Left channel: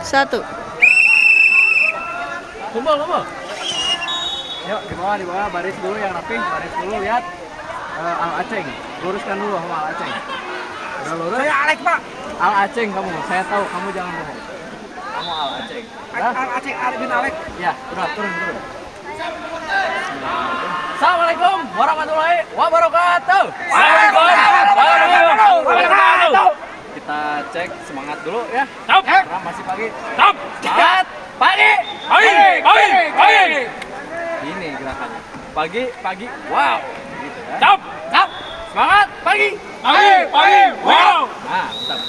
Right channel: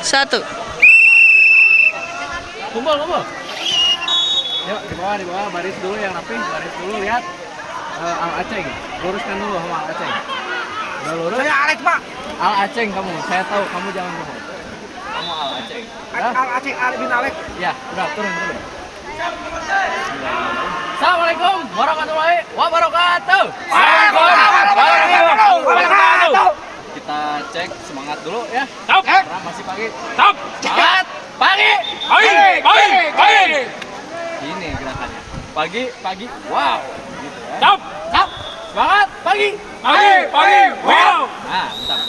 Satu. Kumpul. Yuk di bawah baris dulu yang rapi, baris dulu lihat. Al Aceng, luruskan dulu sama Al Aceng. Udah lurus. Saya Alex, Pak. Al Aceng kamu, saya tahu kamu jangan bohong. Kamu Al Aceng. Udah? Al Aceng, Al bin Alex. Ya, udah turun. Assalamualaikum warahmatullahi wabarakatuh. Kita cek semangat dulu ya. Stop. Karena masih pagi. Stop. Semangat pagi. Pagi. Ini gerakannya. Pagi. Wow. Gitu ya. Stop. Semangat pagi. Wow. Nah, mantap.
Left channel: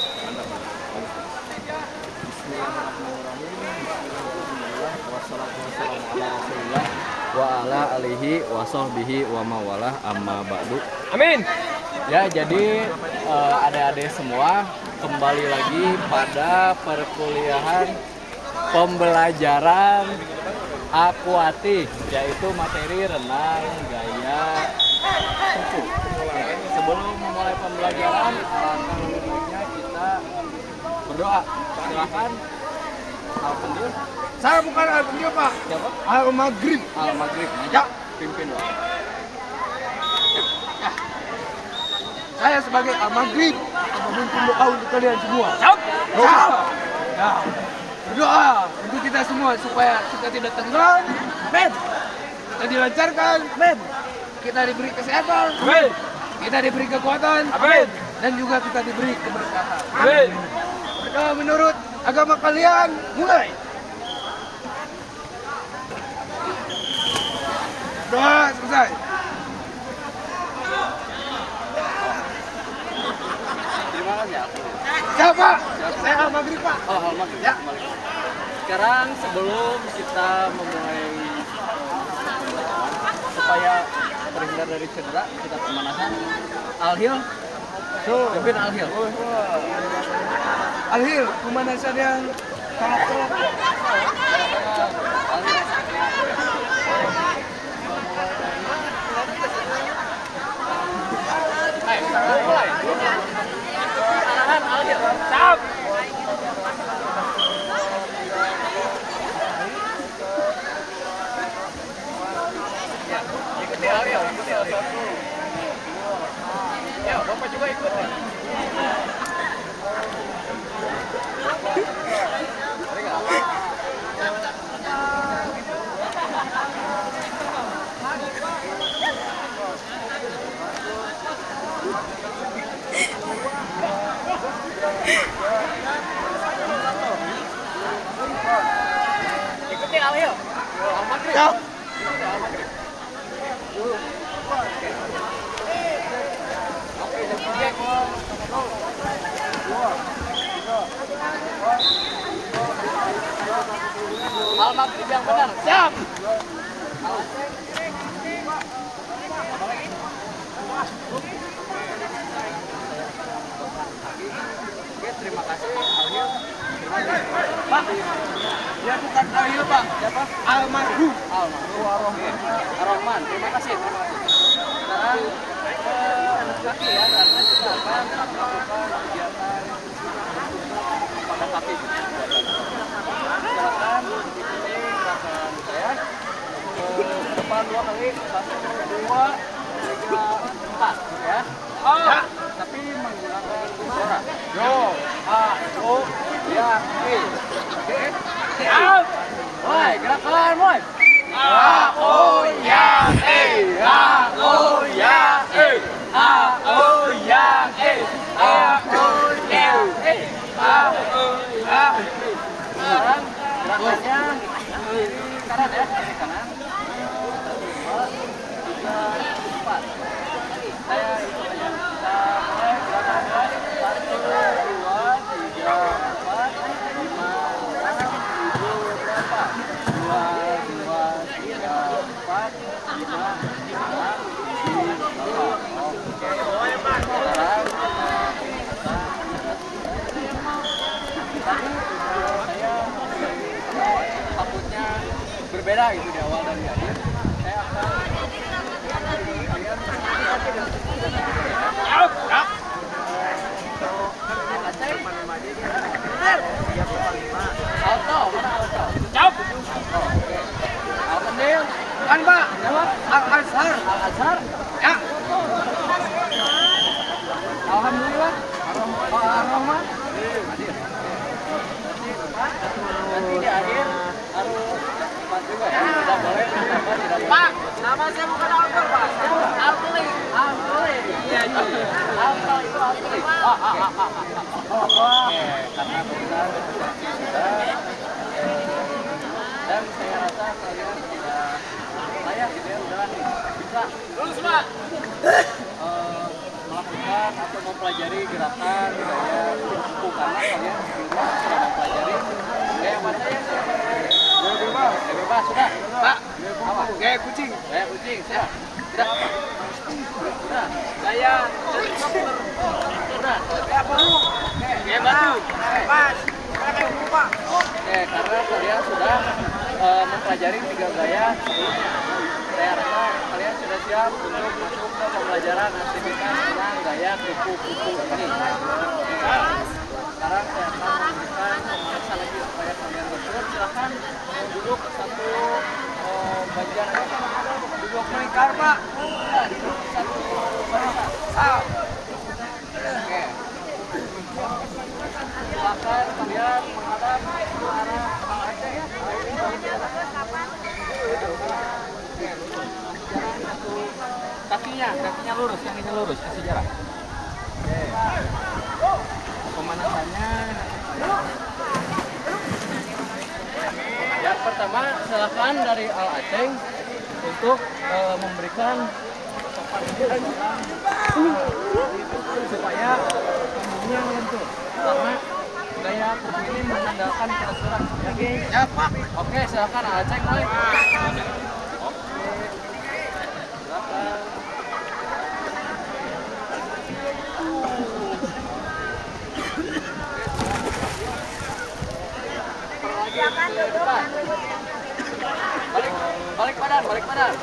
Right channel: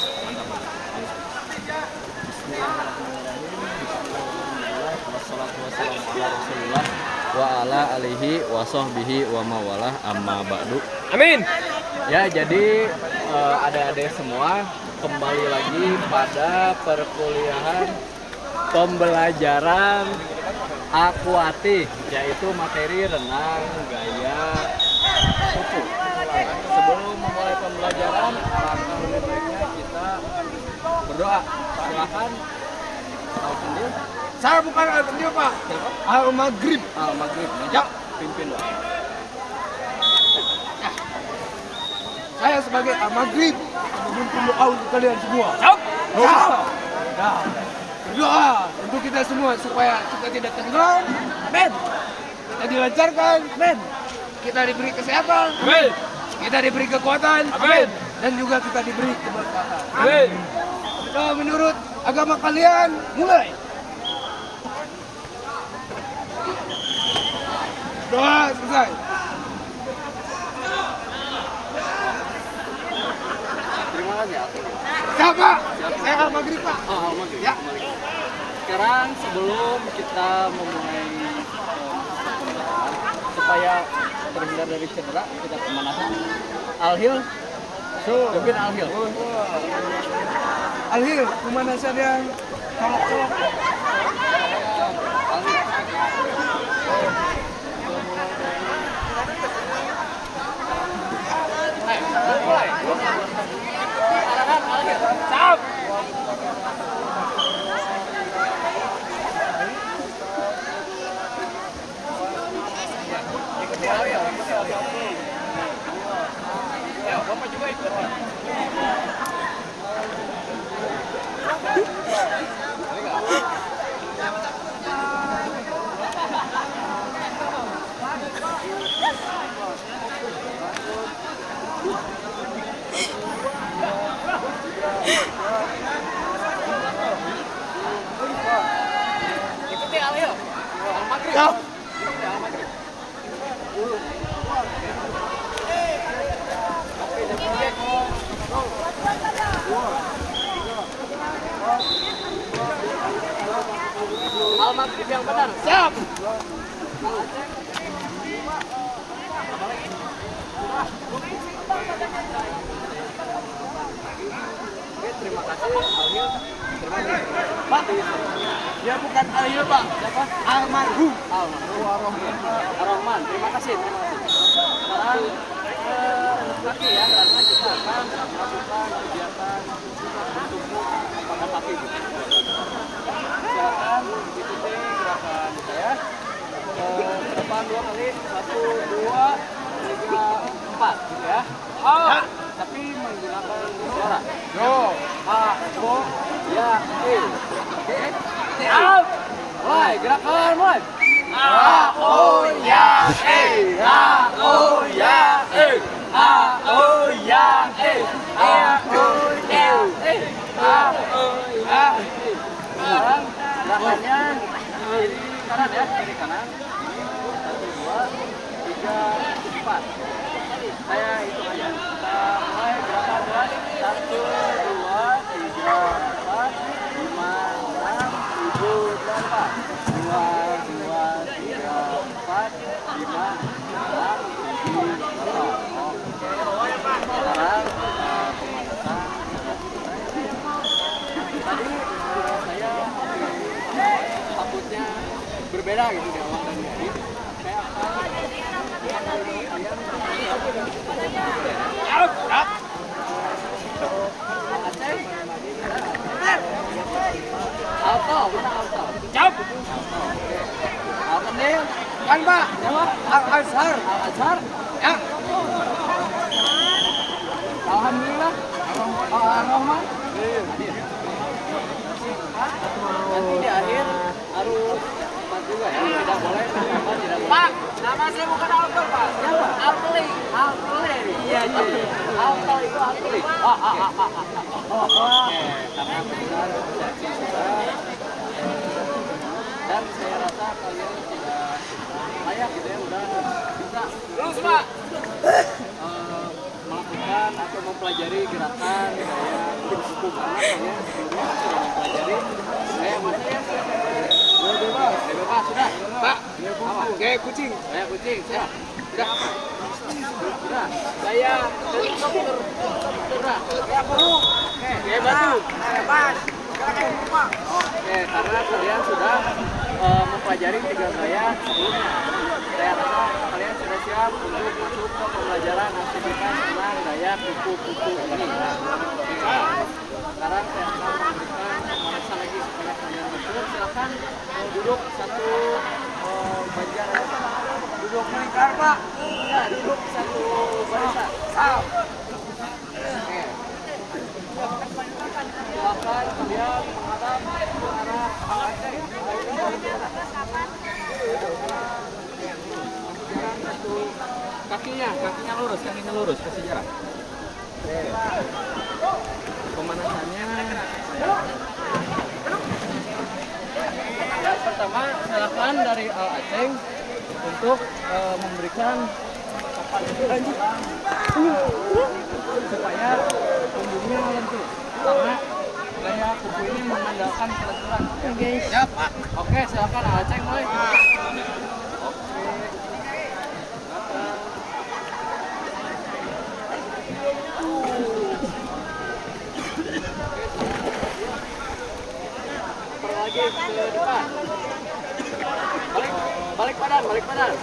Bismillahirrahmanirrahim. Wassalatu wassalamu ala Rasulillah wa ala alihi wa sahbihi wa mawalah amma ba'du. Amin. Ya, jadi adik-adik semua kembali lagi pada perkuliahan pembelajaran akuatik, yaitu materi renang gaya kupu. Sebelum memulai pembelajaran, alangkah lebih baiknya kita berdoa. Silakan. Alhamdulillah. Saya bukan Al bin Pak. Siapa? Al Maghrib. Al-Maghrib. Ya. Pimpin doa. Saya sebagai Al Maghrib akan memimpin doa untuk kalian semua. Stop. Doa. Nah, berdoa untuk kita semua supaya kita tidak tenggelam. Amin. Kita dilancarkan. Amin. Kita diberi kesehatan. Amin. Kita diberi kekuatan. Amin. Dan juga kita diberi keberkahan. Amin. Berdoa menurut agama kalian. Mulai. Doa selesai. Terima kasih ya. Siapa? Saya Al Maghrib, Pak. Oh, Al-Maghrib. Ya. Sekarang sebelum kita memulai pembelajaran, supaya terhindar dari cedera, kita pemanasan. Al-Hil, pimpin Al-Hil. Al-Hil, pemanasan yang colok-colok. Al-Hil. Mulai. Arahan Al-Hil. Siap. Ikuti Al-Hil. Ya, Bapak juga ikut. Ikuti Al-Hil. Al-Maghrib. Ya. Ikuti Al-Maghrib. Al-Maghrib yang benar. Siap. Oke, terima kasih Al-Hil. Terima kasih. Pak, dia bukan Al-Hil, Pak. Siapa? Almarhum. Ar-Rahman. Terima kasih. Sekarang kaki ya, karena kita akan melakukan kegiatan bertubuh pada kaki. Silakan ikuti gerakan saya. Ke depan 2 kali, 1, 2, 3, 4, ya. Ya. Tapi menggunakan suara. Yo. A, O, ya, E. Oke. Siap. Mulai, gerakan mulai. A, O, ya, E. A, O, ya, E. A, O, ya, E. A, O, ya, E. A, O, ya, E. Sekarang gerakannya kanan ya, kiri kanan. 1, 2, 3, 4. Saya hitung aja. Kita mulai gerakan gerak. 1, 2, 3, 4, 5, 6, 7, 8. 2, 2, 3, 4, 5, 6, 7, 8. Oke. Sekarang pemanasan. Tadi saya takutnya berbeda gitu di awal dan di akhir. Saya akan kalian Siap. Aceh Auto, mana auto? Jawab. Auto Dil. Kan Pak. Siapa? Al-Azhar. Al-Azhar. Ya. Alhamdulillah. Ar-Rahman. Hadir. Nanti di akhir harus cepat juga ya. Tidak boleh tidak boleh. Pak, nama saya bukan Alper, Pak. Siapa? Alpeli. Alpeli. Iya, iya. Alpel itu Alpeli. Oke, karena benar sudah dan saya rasa kalian sudah layak gitu ya, udah bisa Lurus, Pak. melakukan atau mempelajari gerakan gaya kuku karena kalian sebelumnya sudah mempelajari gaya mana ya? Gaya bebas, gaya bebas sudah. Pak, Apa? gaya kucing. Gaya kucing, sudah. Sudah. Sudah. Gaya helikopter. Sudah. Gaya burung. Oke. Gaya batu. Bebas. Gaya burung, Pak. Oke, karena kalian sudah mempelajari 3 gaya sebelumnya. Saya rasa kalian sudah siap untuk masuk ke pembelajaran aktivitas dengan gaya kuku-kuku ini. Sekarang saya akan memberikan pemanasan lagi supaya kalian betul. Silahkan duduk satu bagian Duduk melingkar, Pak. Ya, duduk satu barisan. Sal. Oke. Silakan kalian menghadap ke arah kakinya lurus, kasih jarak. Oke. Pemanasannya. Yang pertama, silakan dari Al Aceh untuk memberikan supaya punggungnya lentur karena gaya kuku ini mengandalkan kelenturan. Ya, Pak. Oke, silakan Al Aceh mulai. Oke. Silakan. Lagi ke depan. Balik badan.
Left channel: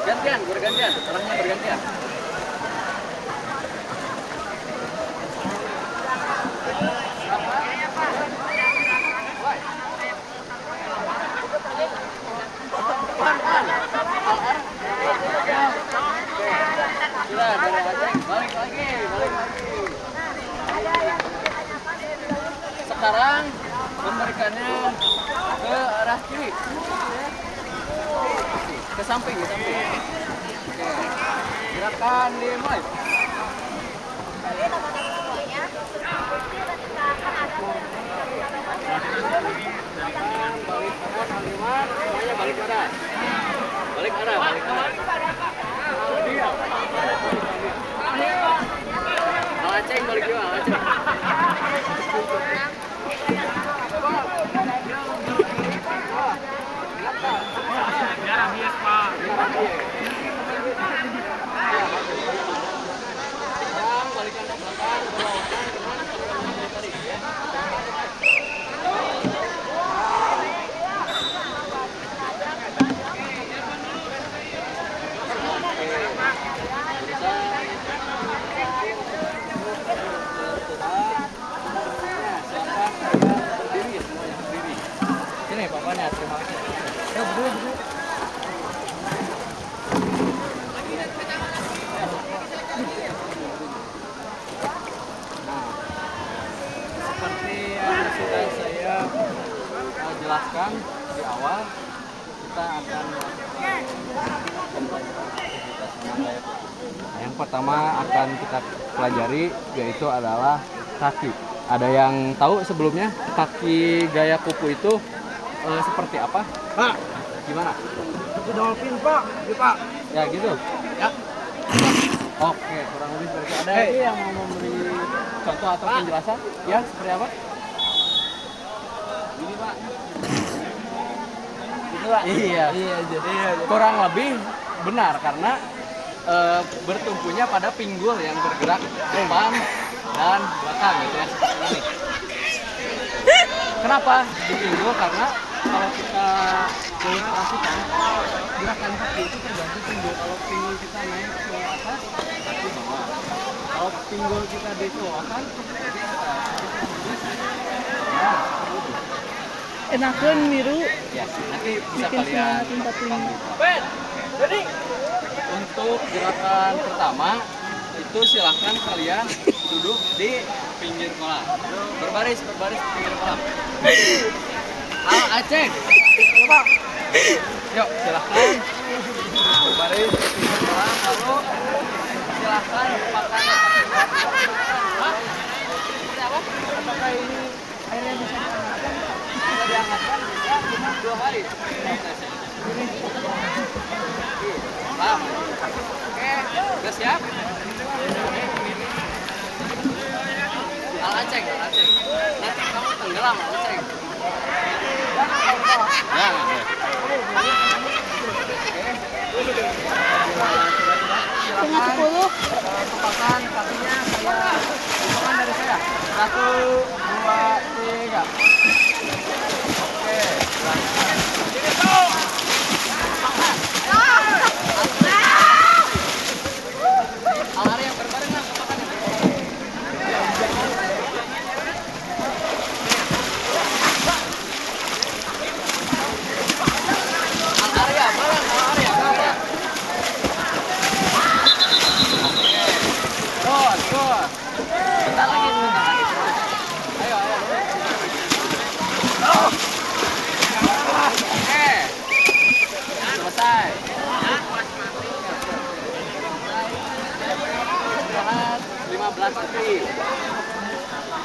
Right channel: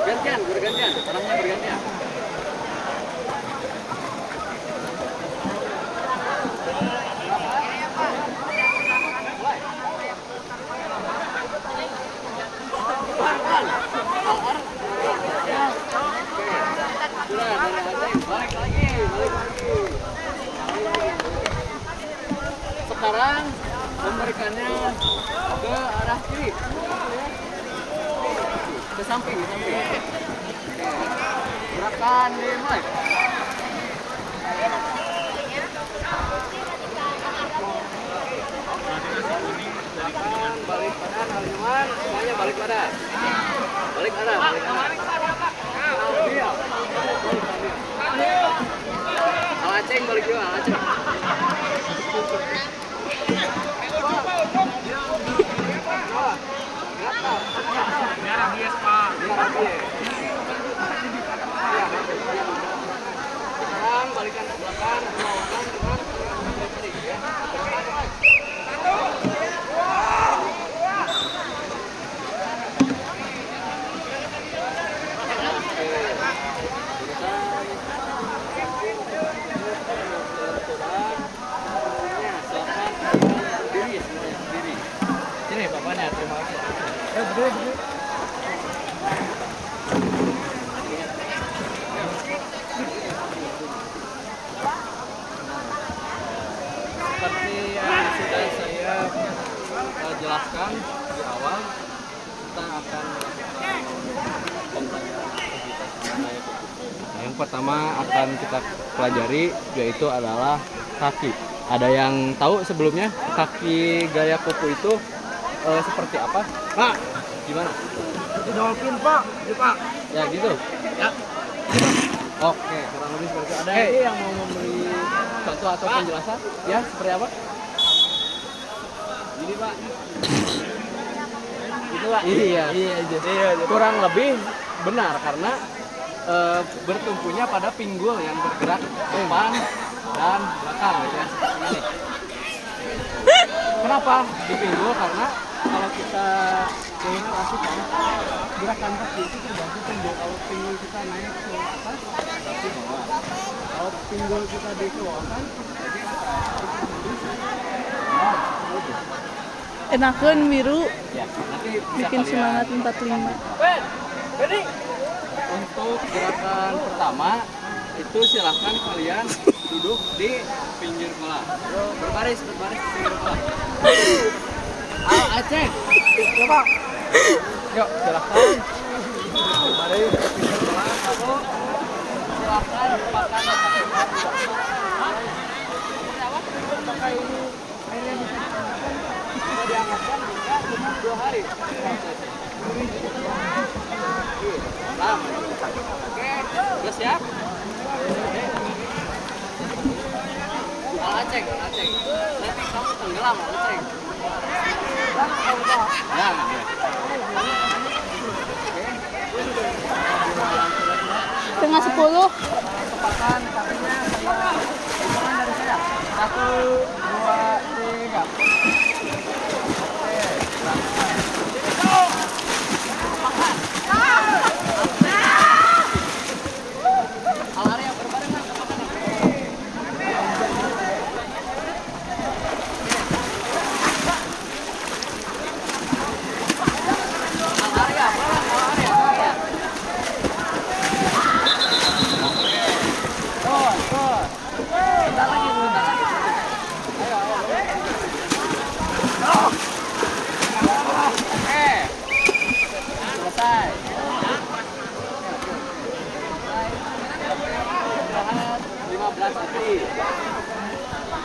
Gantian, bergantian. Orangnya bergantian. Mulai. Pelan. Al-Arab. Oke. Sudah dari Aceh. Balik lagi. Sekarang memberikannya ke arah kiri. Ke samping. Oke. Gerakan dimulai. Gerakan balik badan Al-Iman, semuanya balik badan. Balik badan. Diam. Al Aceh balik juga, Al Aceh. Biar bias, Pak. Sekarang balikan ke belakang, berlawanan dengan gerakan yang tadi. Sini bapaknya, terima kasih. Berdiri. Seperti yang sudah saya jelaskan di awal, kita akan melakukan pembelajaran aktivitas dengan gaya kuku. Nah, yang pertama akan kita pelajari yaitu adalah kaki. Ada yang tahu sebelumnya kaki gaya kuku itu seperti apa? Pak, Gimana? itu dolphin, Pak. Iya, Pak. Ya gitu. Ya. Oke, kurang lebih seperti itu. Ada lagi yang mau memberi contoh atau penjelasan? Ya, seperti apa? Ini, Pak. Itu Pak. Iya. Kurang lebih benar karena bertumpunya pada pinggul yang bergerak depan dan belakang gitu ya. Ini. Kenapa di pinggul? Karena kalau kita ilustrasikan gerakan kaki itu tergantung pinggul. Kalau pinggul kita naik ke atas, kaki bawah. Kalau pinggul kita dikeluarkan, jadi kurang lebih Enakeun miru Ya, nanti bisa bikin kalian semangat 45. untuk gerakan pertama itu silahkan kalian duduk di pinggir kolam. Berbaris di pinggir kolam. Aceh. Coba. Yuk, silahkan berbaris di pinggir kolam. Lalu silahkan lupakan kakinya. Seperti apa? Apakah ini airnya bisa diangkatkan? Bisa diangkatkan bisa cuma 2 hari. Lama. Oke, udah siap? Al Aceh. Nanti kamu tenggelam, Al Aceh. Jangan, ya. Setengah 10. Tepakan kakinya saya hitungan dari saya. 1, 2, 3. Oke, silahkan. Al-Ari yang berbarengan, tepakan yang berbarengan. Al-Arya, bareng Al-Arya. Oke. Terus. Bentar lagi. Ayo. Oke. Selesai. Istirahat 15 detik.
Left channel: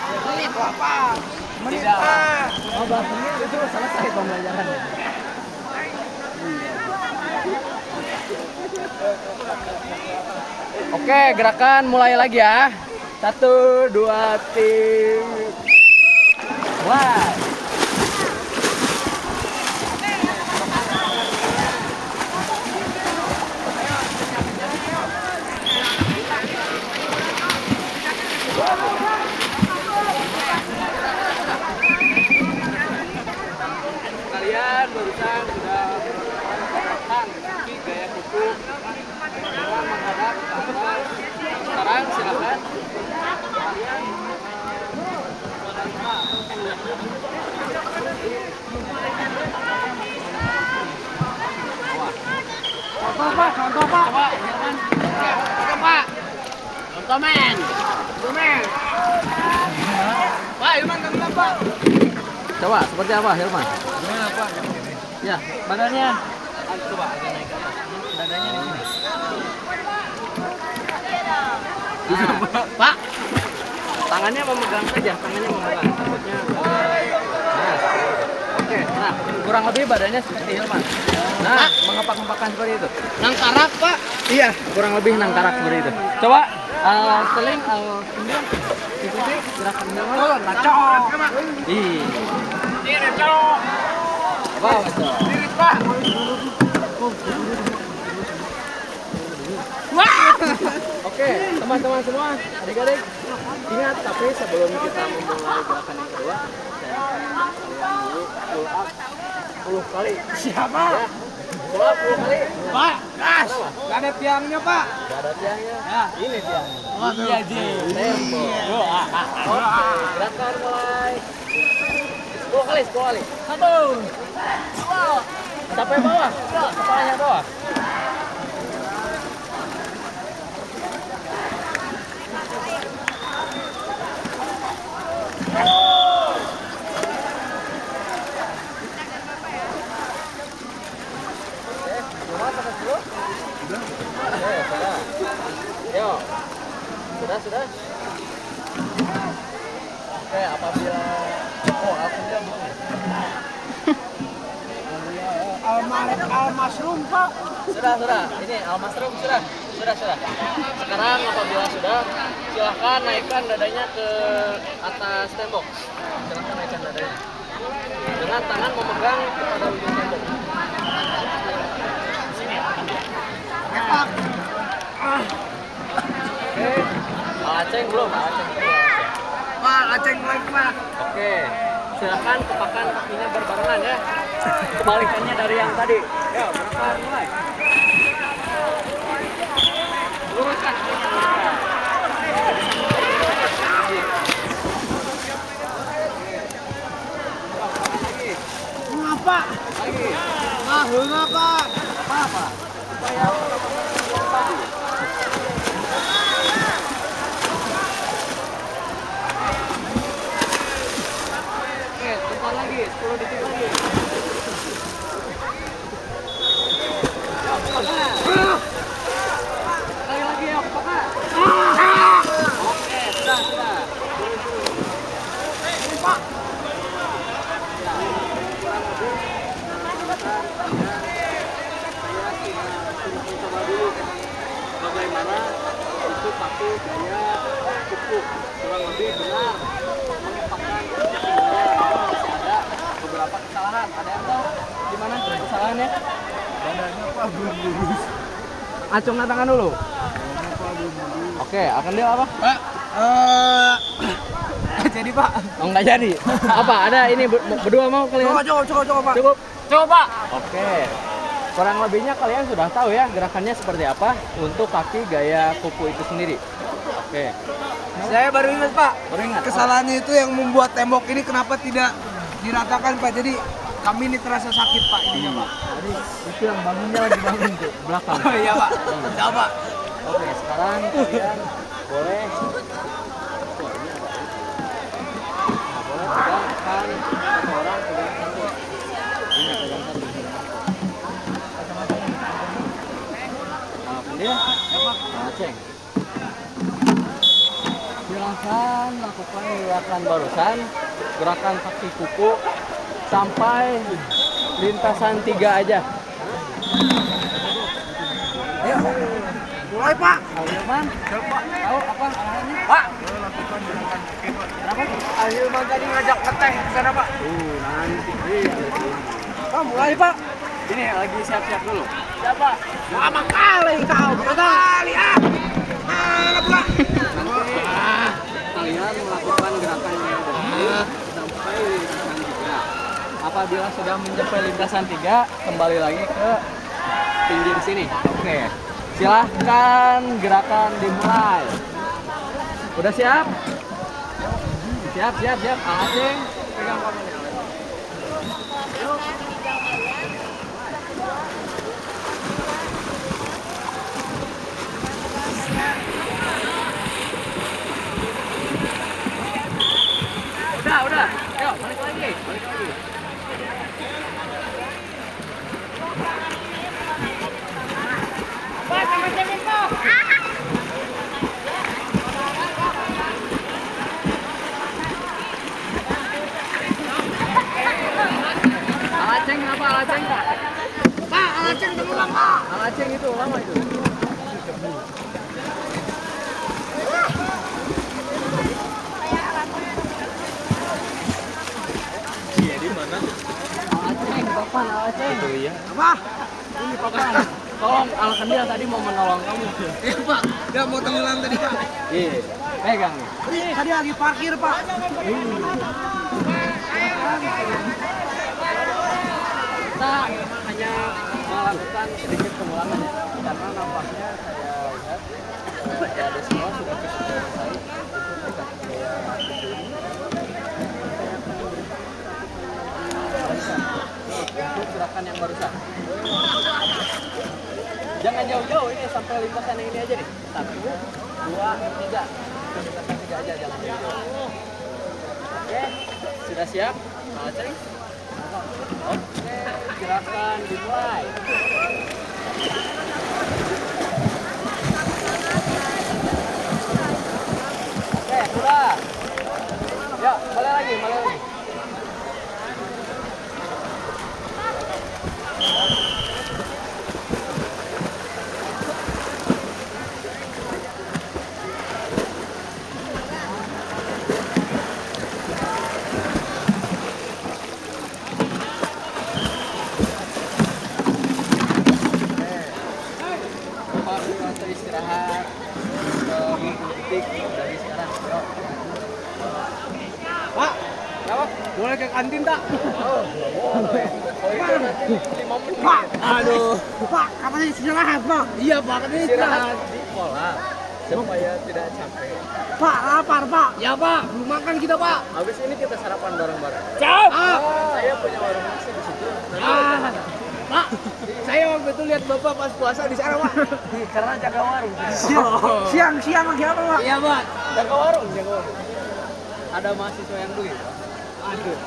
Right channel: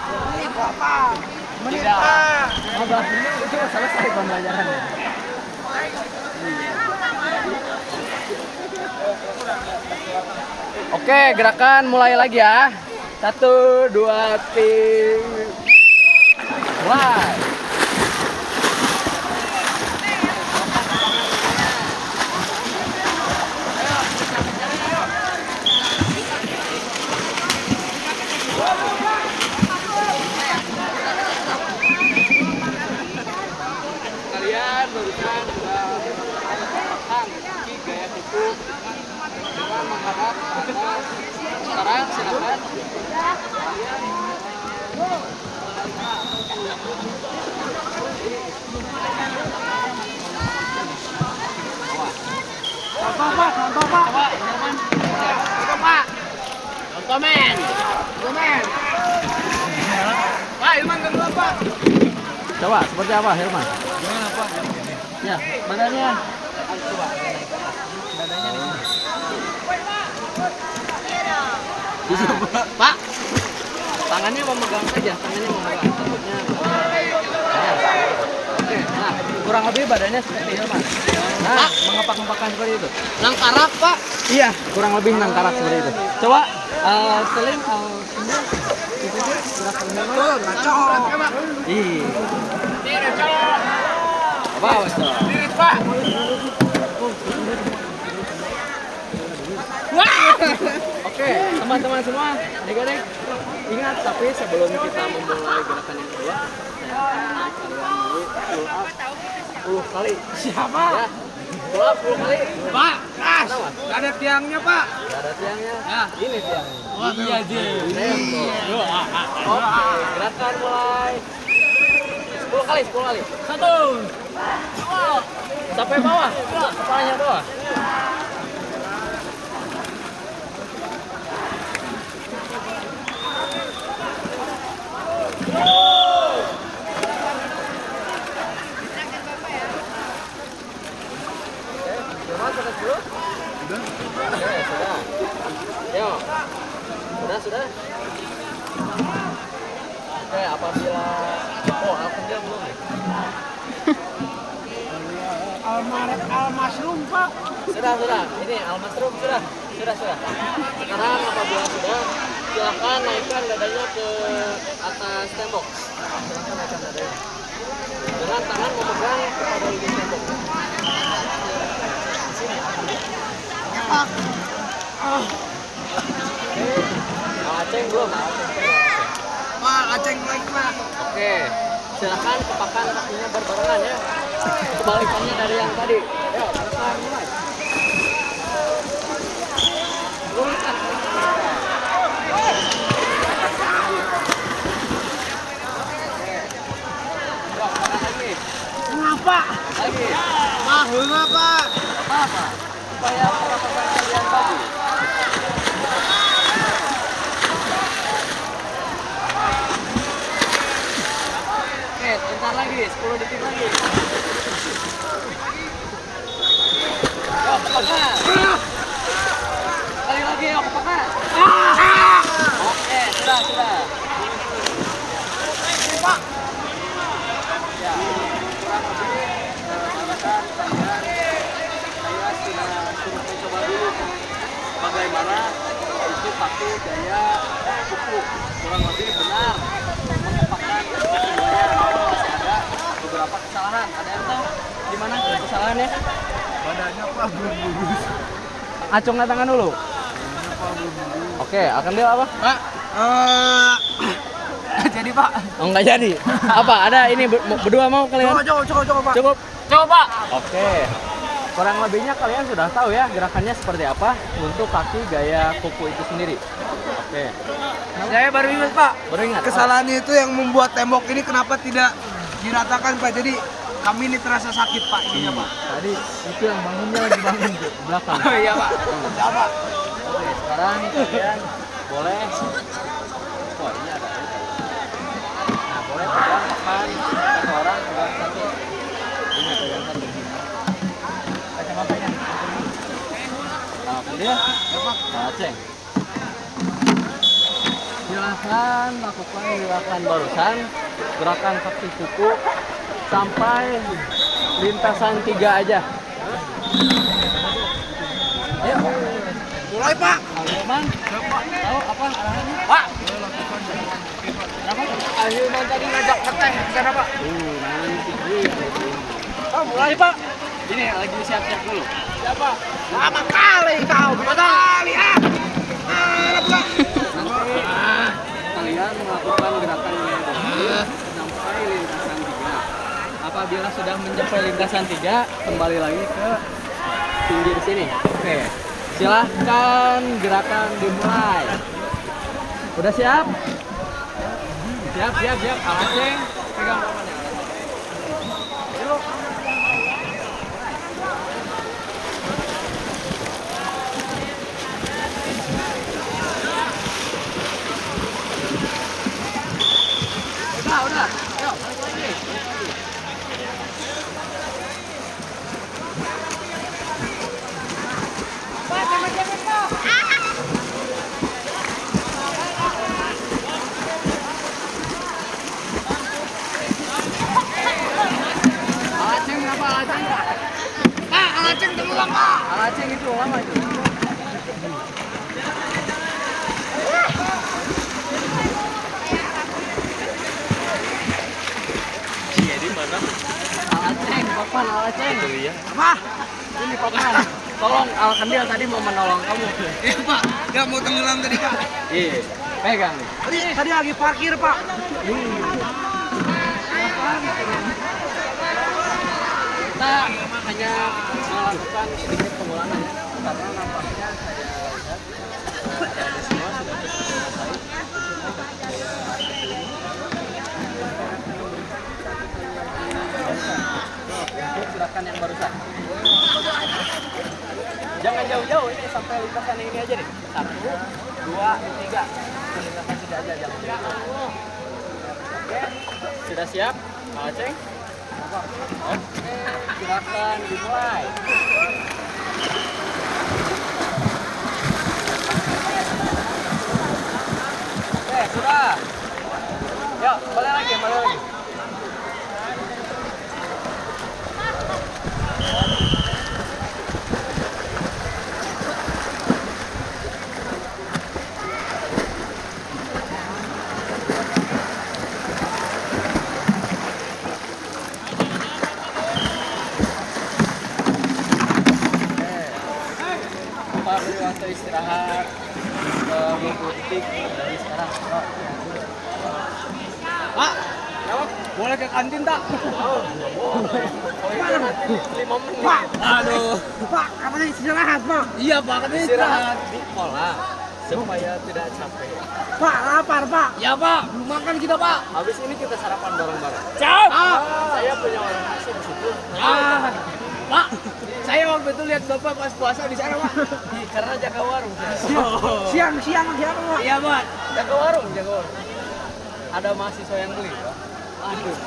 Menit apa? Menit Pak. 15 menit itu selesai pembelajarannya. Oke, gerakan mulai lagi ya. 1, 2, 3. Mulai. Kalian barusan sudah melakukan tepakan kaki gaya kuku dengan menghadap ke atas. Sekarang silakan kalian berbicara atau contoh Pak. Coba, Herman. Contoh Pak. Contoh men. Pak, Hilman tenggelam Pak. Coba seperti apa Hilman? Gimana Pak? Ya, badannya. Coba agak naik ke atas. Dadanya nih. Bisa Pak. Tangannya memegang saja, takutnya kalian. Nah, oke. Nah, kurang lebih badannya seperti Hilman. Nah, mengepak-ngepakkan seperti itu. Nangkarak Pak. Iya, kurang lebih nangkarak seperti itu. Coba seling kemudian ikuti gerakan Hilman. Ngacok. Ih. Ini cok. Bos. Ini Pak. Oke, teman-teman semua, adik-adik, ingat tapi sebelum kita memulai gerakan yang kedua, saya akan mengajak kalian dulu pull up 10 kali. Siapa? Ya, pull up 10 kali. Pak, nggak ada tiangnya Pak. Nggak ada tiangnya. Ya, ini tiangnya. Oh, iya aja. Oke, gerakan mulai. 10 kali. 1, 2, sampai bawah, kepalanya bawah. Sudah? Oke, sudah. Yuk. Sudah. Oke, apabila Alhamdulillah belum ya? Al-Masrum Pak. Sudah. Ini Al-Masrum sudah. Sekarang apabila sudah, silahkan naikkan dadanya ke atas tembok. Silahkan naikkan dadanya. Dengan tangan memegang kepada ujung tembok. Di sini. Pak. Oke. Aceh belum. Pak, Aceh lagi Pak. Oke. Silahkan kepakan kakinya berbarengan ya. Kebalikannya dari yang tadi. Yuk, gerakan mulai. Luruskan. Pak. Lagi. Mah, heunga, Pak. Apa-apa. Supaya pendapatan kalian bagus. Oke, bentar lagi, 10 detik lagi. Yuk, ke tengah. Kali lagi, yuk, ke tengah. Oke, sudah. Ini, Pak. Ya, kurang lebih rekan-rekan kalian, saya sudah suruh mencoba dulu bagaimana itu pakai gaya pupuk kurang lebih benar mengepakkan semuanya. Namun masih ada beberapa kesalahan. Ada yang tahu gimana kesalahannya? Badannya, Pak, belum lurus. Acungnya tangan dulu. Badannya, Pak, belum lurus. Oke, akan dia apa? Pak, jadi, Pak. Enggak jadi. Apa? Ada ini berdua mau kalian? Coba, Pak. Cukup. Coba. Oke. Kurang lebihnya kalian sudah tahu ya gerakannya seperti apa untuk kaki gaya kuku itu sendiri. Oke. Saya baru ingat, Pak. Baru ingat. Kesalahannya itu yang membuat tembok ini kenapa tidak diratakan, Pak. Jadi kami ini terasa sakit, Pak, ininya, Pak. Tadi itu yang bangunnya lagi bangun tuh belakang. Iya, Pak. Coba. Oke, sekarang kalian boleh. Wah, ini ada. Nah, boleh pegang depan satu orang pegang satu. Ini pegang satu. Kacamatanya. Nah, kan dia? Ya, Pak. Nah, ceng. Silahkan lakukan gerakan barusan, gerakan kaki kuku sampai lintasan 3 aja. Ayo. Mulai, Pak. Ahilman, Coba. tahu apa arahannya? Pak. Lakukan gerakan kaki, Pak. Kenapa? Ahilman tadi ngajak ngeteh, karena, Pak. Nanti. Oh, mulai, Pak. Ini lagi siap-siap dulu. Siapa? Lama kali kau. Lama kali, ah. Pula. Nanti kalian melakukan gerakan ini sampai lintasan 3. Apabila sudah mencapai lintasan 3, kembali lagi ke pinggir sini. Oke. Silahkan gerakan dimulai. Udah siap? Siap. Aceng, pegang kamarnya. Yuk. Udah. Yuk, balik lagi. Alaceng kenapa alaceng? Alaceng diulang, Pak. Alaceng itu ulang lagi. Alaceng, papan alaceng. Itu ya. Apa? Ini papan. Tolong Alkendil tadi mau menolong kamu. Iya, Pak. Dia mau tenggelam tadi, Pak. Iya. Pegang. Tadi lagi parkir, Pak. Kita hanya melakukan sedikit pengulangan ya, karena nampaknya saya lihat ada semua sudah cukup selesai untuk gaya seperti ini. Barusan, untuk gerakan yang barusan. Jangan jauh-jauh, ini sampai lintasan ini aja deh. 1, 2, 3. Lintasan 3 aja, jangan jauh. Oke, sudah siap? Aceng? Oke, gerakan dimulai. Oke, sudah. Yuk, balik lagi. Waktu istirahat 20 detik dari sekarang. Yuk. Pak, Kenapa? boleh ke kantin, tak? Pak. Aduh. Pak, kapan istirahat, Pak? Iya, Pak, kan istirahat. Di kolam. supaya tidak capek. Pak, lapar Pak. Ya Pak, belum makan kita Pak. Habis ini kita sarapan bareng-bareng. Siap. Saya punya warung nasi di situ. Ah, Pak, saya waktu itu lihat Bapak pas puasa di sana Pak. Karena jaga warung. Siang lagi apa Pak? Iya Pak. Jaga warung. Ada mahasiswa yang beli, Pak. Aduh.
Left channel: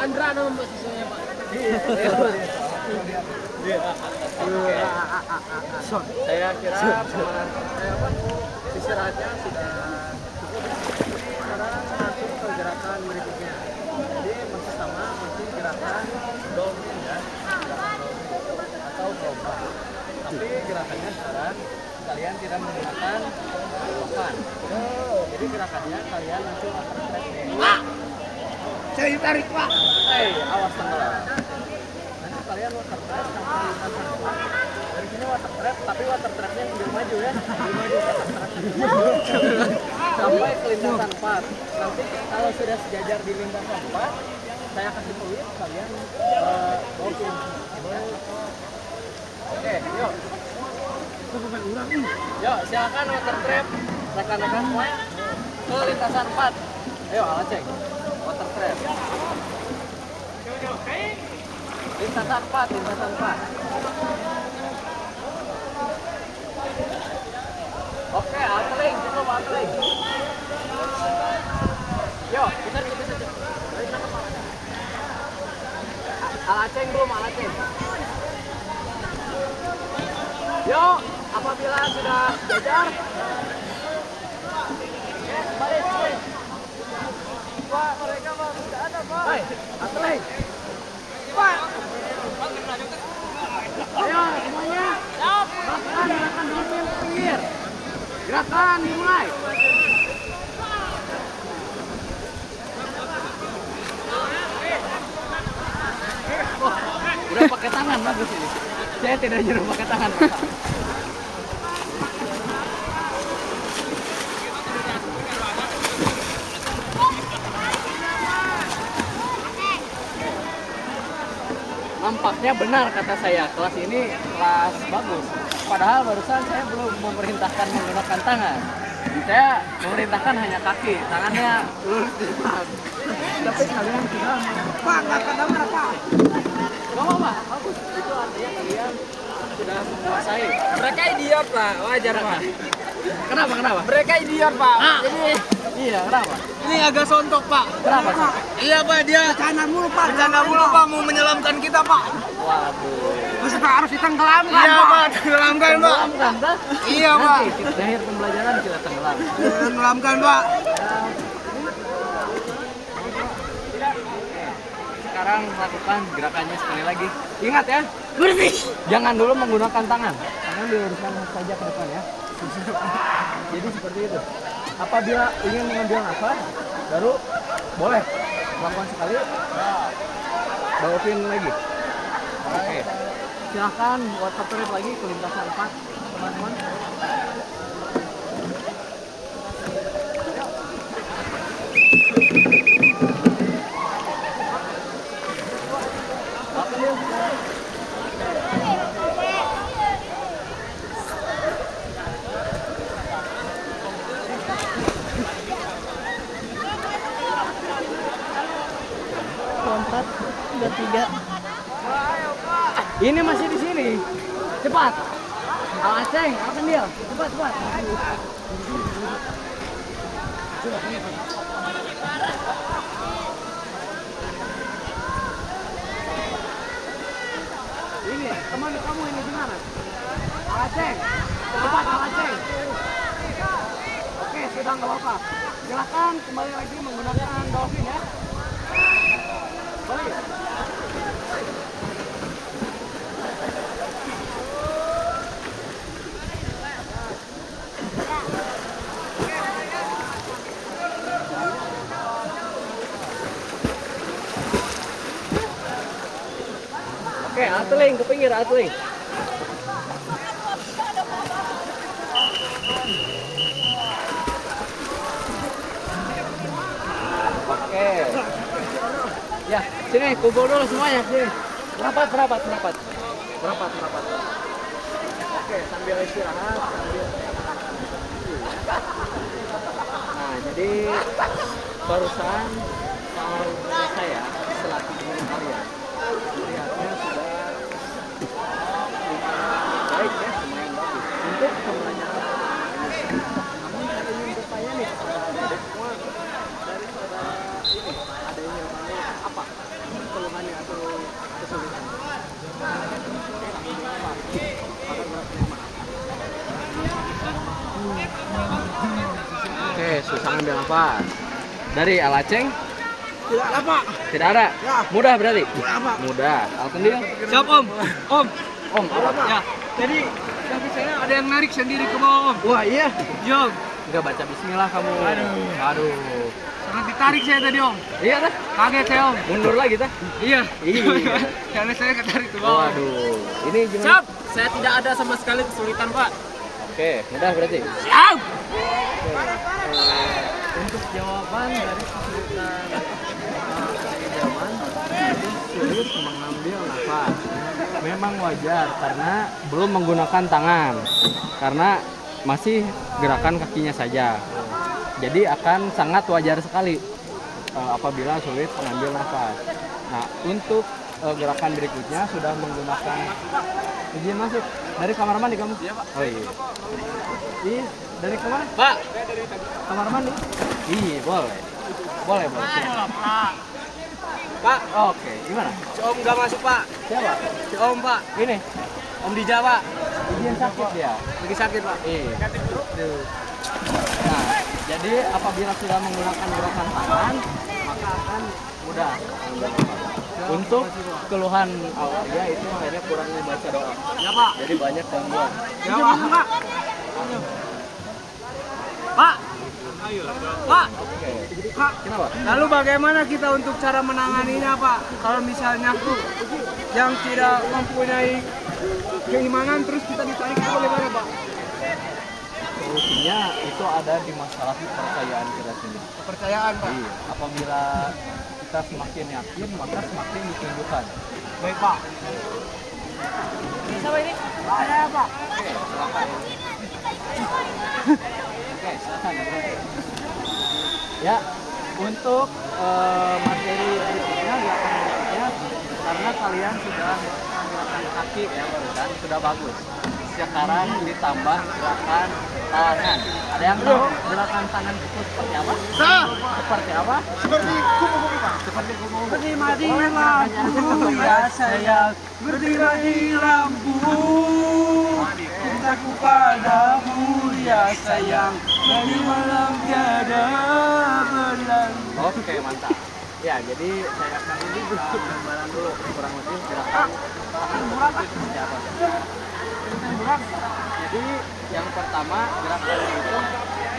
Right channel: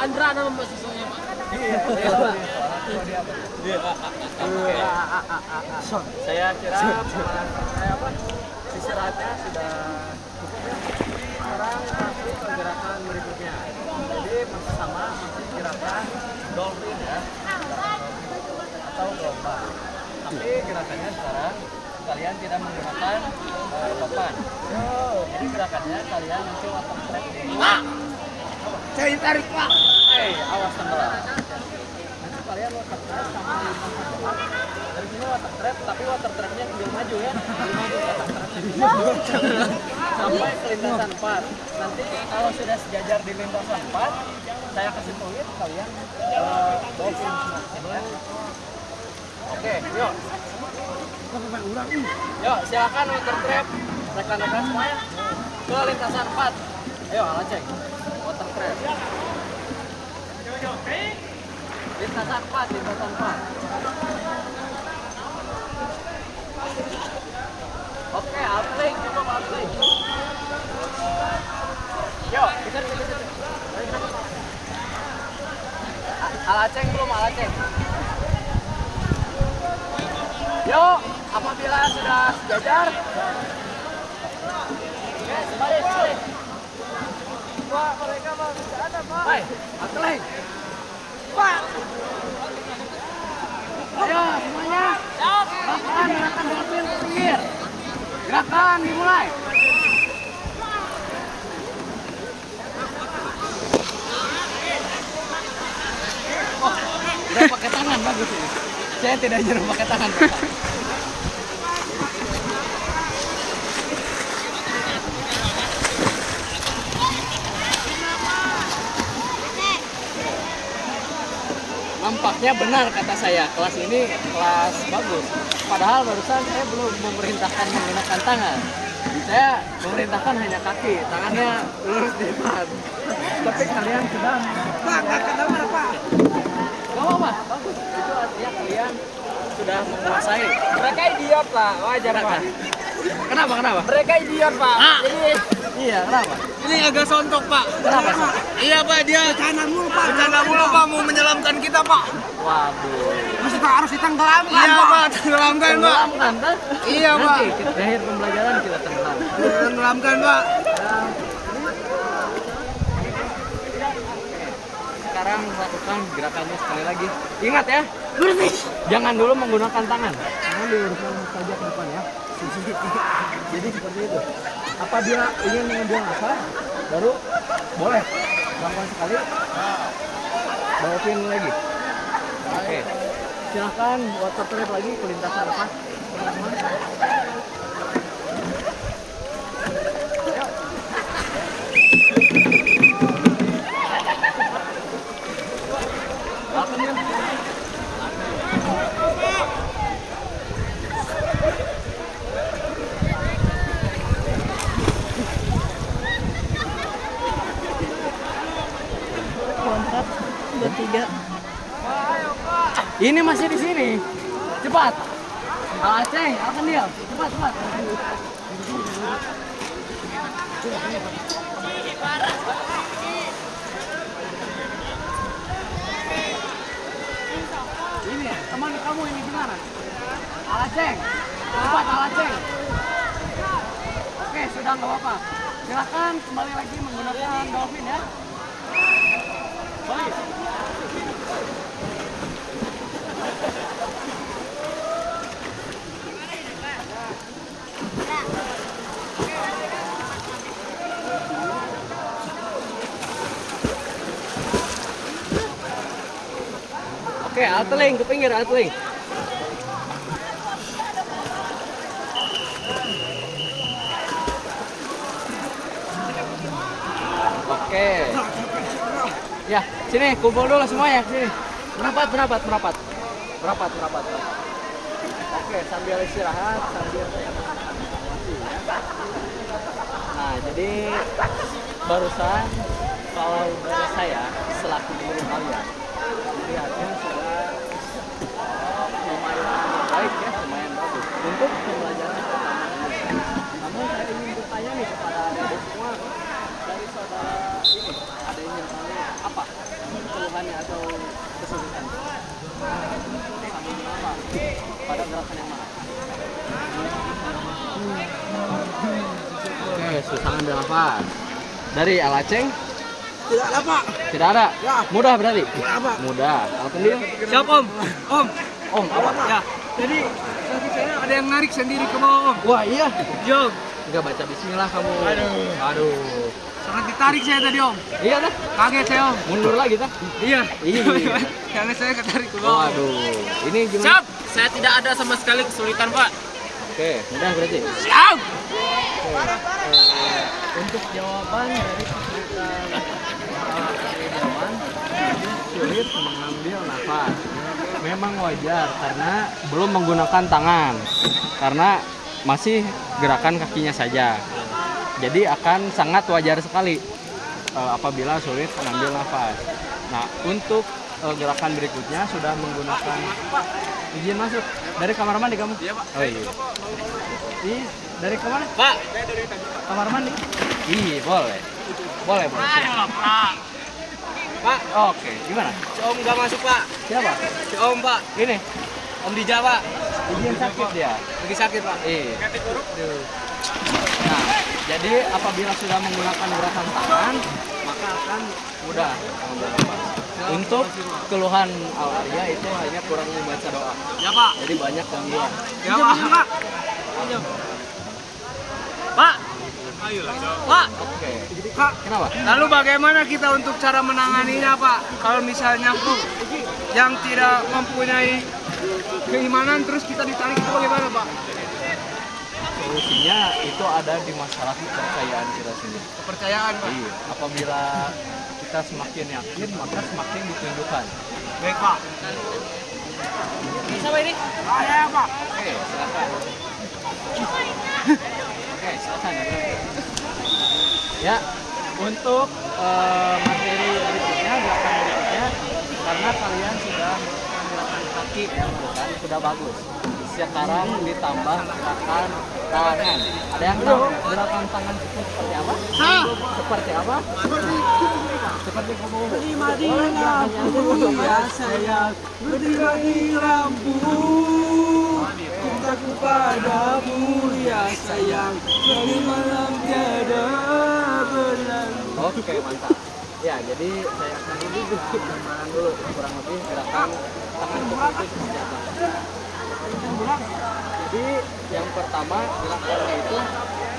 Andra nama mahasiswanya Pak. Iya, Pak. Saya kira istirahatnya sudah cukup. Sekarang masuk ke gerakan berikutnya. Jadi masih sama, masih gerakan dolphin ya, atau gelombang. Tapi gerakannya sekarang kalian tidak menggunakan papan. Jadi gerakannya kalian nanti water trap dulu. Pak, saya ditarik Pak. Awas tenggelam. Nanti kalian water trap sampai lintasan depan. Dari sini water trap, tapi water trapnya sambil maju ya. Sambil maju water trapnya. Sampai ke lintasan 4. Nanti kalau sudah sejajar di lintasan 4, saya kasih fluid kalian dolphin. Oke, yuk. Yuk, silakan water trap. Rekan-rekan semuanya ke lintasan 4. Ayo, Alaceng. Water trap. Lintasan 4. Oke, Alteling, cukup Alteling. Yo, besar. Balik ke kepala. Alaceng belum, Alaceng. Yo, apabila sudah sejajar, balik. Pak, mereka mah bisa ada, Pak. Hai, Alteling. Pak. Ayo, semuanya. Siap. Gerakan dolphin ke pinggir. Gerakan dimulai. Oh, udah pakai tangan bagus ini. Saya tidak nyuruh pakai tangan, Pak. Nampaknya benar kata saya, kelas ini kelas bagus. Padahal barusan saya belum memerintahkan menggunakan tangan. Saya memerintahkan hanya kaki, tangannya lurus di depan. Tapi kalian sudah Pak, nggak kedengar Pak. Gak apa-apa, bagus. Itu artinya kalian sudah menguasai. Mereka idiot Pak, wajar Pak. Kenapa? Mereka idiot Pak. Jadi Iya, kenapa? ini agak sontok Pak. Kenapa? Pak? Iya Pak, dia Bercanda mulu Pak. bercanda mulu Pak mau menyelamkan kita Pak. Waduh. Kita harus ditenggelamkan Iya Pak, tenggelamkan Pak. Tenggelamkan, Pak? Iya Pak. Nanti di akhir pembelajaran kita tenggelam. Tenggelamkan Pak. Sekarang lakukan gerakannya sekali lagi. Ingat ya, jangan dulu menggunakan tangan. Tangan diluruskan saja ke depan ya. Jadi seperti itu. Apabila ingin mengambil nafas, baru boleh lakukan sekali. Dolphin lagi. Oke. Silahkan water trap lagi ke lintasan 4, teman-teman. Lompat, bertiga. Ini masih di sini. Cepat. Aceh, akan dia. Cepat. Ini, teman kamu ini gimana? Aceh. Cepat, Aceh. Oke, sudah nggak apa-apa. Silakan kembali lagi menggunakan dolphin ya. Balik. Oke, Atling ke pinggir, Atling. Oke. Ya, sini kumpul dulu semuanya, sini. Merapat. Oke, sambil istirahat, sambil kaki ya. Nah, jadi barusan kalau dari saya selaku guru kalian melihatnya sudah lumayan baik ya, lumayan bagus untuk pembelajaran pertama ini. Namun saya ingin bertanya nih kepada adik-adik semua, dari saudara ini ada yang bertanya apa keluhannya atau kesulitan sambil apa pada gerakan yang mana? Oke, susah ngambil nafas. Dari Alaceng? Tidak ada pak. Tidak ada? Ya. Mudah berarti? Mudah pak. Mudah. Alkendil? Siap om. Om. Om, apa? Pak. Ya. Jadi kaki saya ada yang narik sendiri ke bawah om. Wah, iya. Jom. Enggak baca bismillah kamu. Aduh. Sangat ditarik saya tadi om. Iya dah. Kaget saya om. Mundur lagi dah. Iya. Iya. Karena saya ketarik ke bawah. Waduh. Ini gimana? Siap, saya tidak ada sama sekali kesulitan Pak. Oke, mudah berarti. Siap. Untuk jawaban dari kesulitan jawaban itu sulit mengambil nafas. Memang wajar karena belum menggunakan tangan, karena masih gerakan kakinya saja. Jadi akan sangat wajar sekali apabila sulit mengambil nafas. Nah, untuk gerakan berikutnya sudah menggunakan izin masuk dari kamar mandi kamu? Iya pak. Oh, iya. Ih, dari kemana? Pak, saya dari tadi Pak. Kamar mandi? Iya, boleh. Boleh, boleh. Silakan. Pak. Pak, Oke, gimana? si Om nggak masuk Pak. Siapa? Si Om Pak, Ini, Om Dija Pak. izin sakit dia. Lagi sakit Pak. Iya. Nah, jadi apabila sudah menggunakan gerakan tangan, maka akan mudah mengambil nafas. Untuk keluhan Al-Arya itu hanya kurang membaca doa. Ya pak. Jadi banyak gangguan. Ya pak. Pak. Ayolah, Pak. Oke. Kak. Kenapa? Lalu bagaimana kita untuk cara menanganinya pak? Kalau misalnya yang tidak mempunyai keimanan terus kita ditarik itu bagaimana pak? Solusinya itu ada di masalah kepercayaan kita sendiri. Kepercayaan pak. Iya. Apabila kita semakin yakin, maka semakin ditunjukkan. Baik pak. Siapa ini? Ya pak. Oke, silakan. Oke, silakan ya, bro. Ya, untuk materi berikutnya, gerakan berikutnya, karena kalian sudah melakukan gerakan kaki ya barusan, sudah bagus. Sekarang ditambah gerakan tangan. Ada yang tahu gerakan tangan itu seperti apa? Seperti apa? Seperti kupu-kupu. Berdima di Boleh gerakannya aja lampu contohnya. ya sayang. Berdima di lampu. Cintaku padamu ya sayang. Dari malam tiada berlalu. Oke, mantap. Ya, jadi saya akan gambaran dulu kurang lebih gerakan tangan kupu-kupu seperti apa. Jadi yang pertama gerakannya itu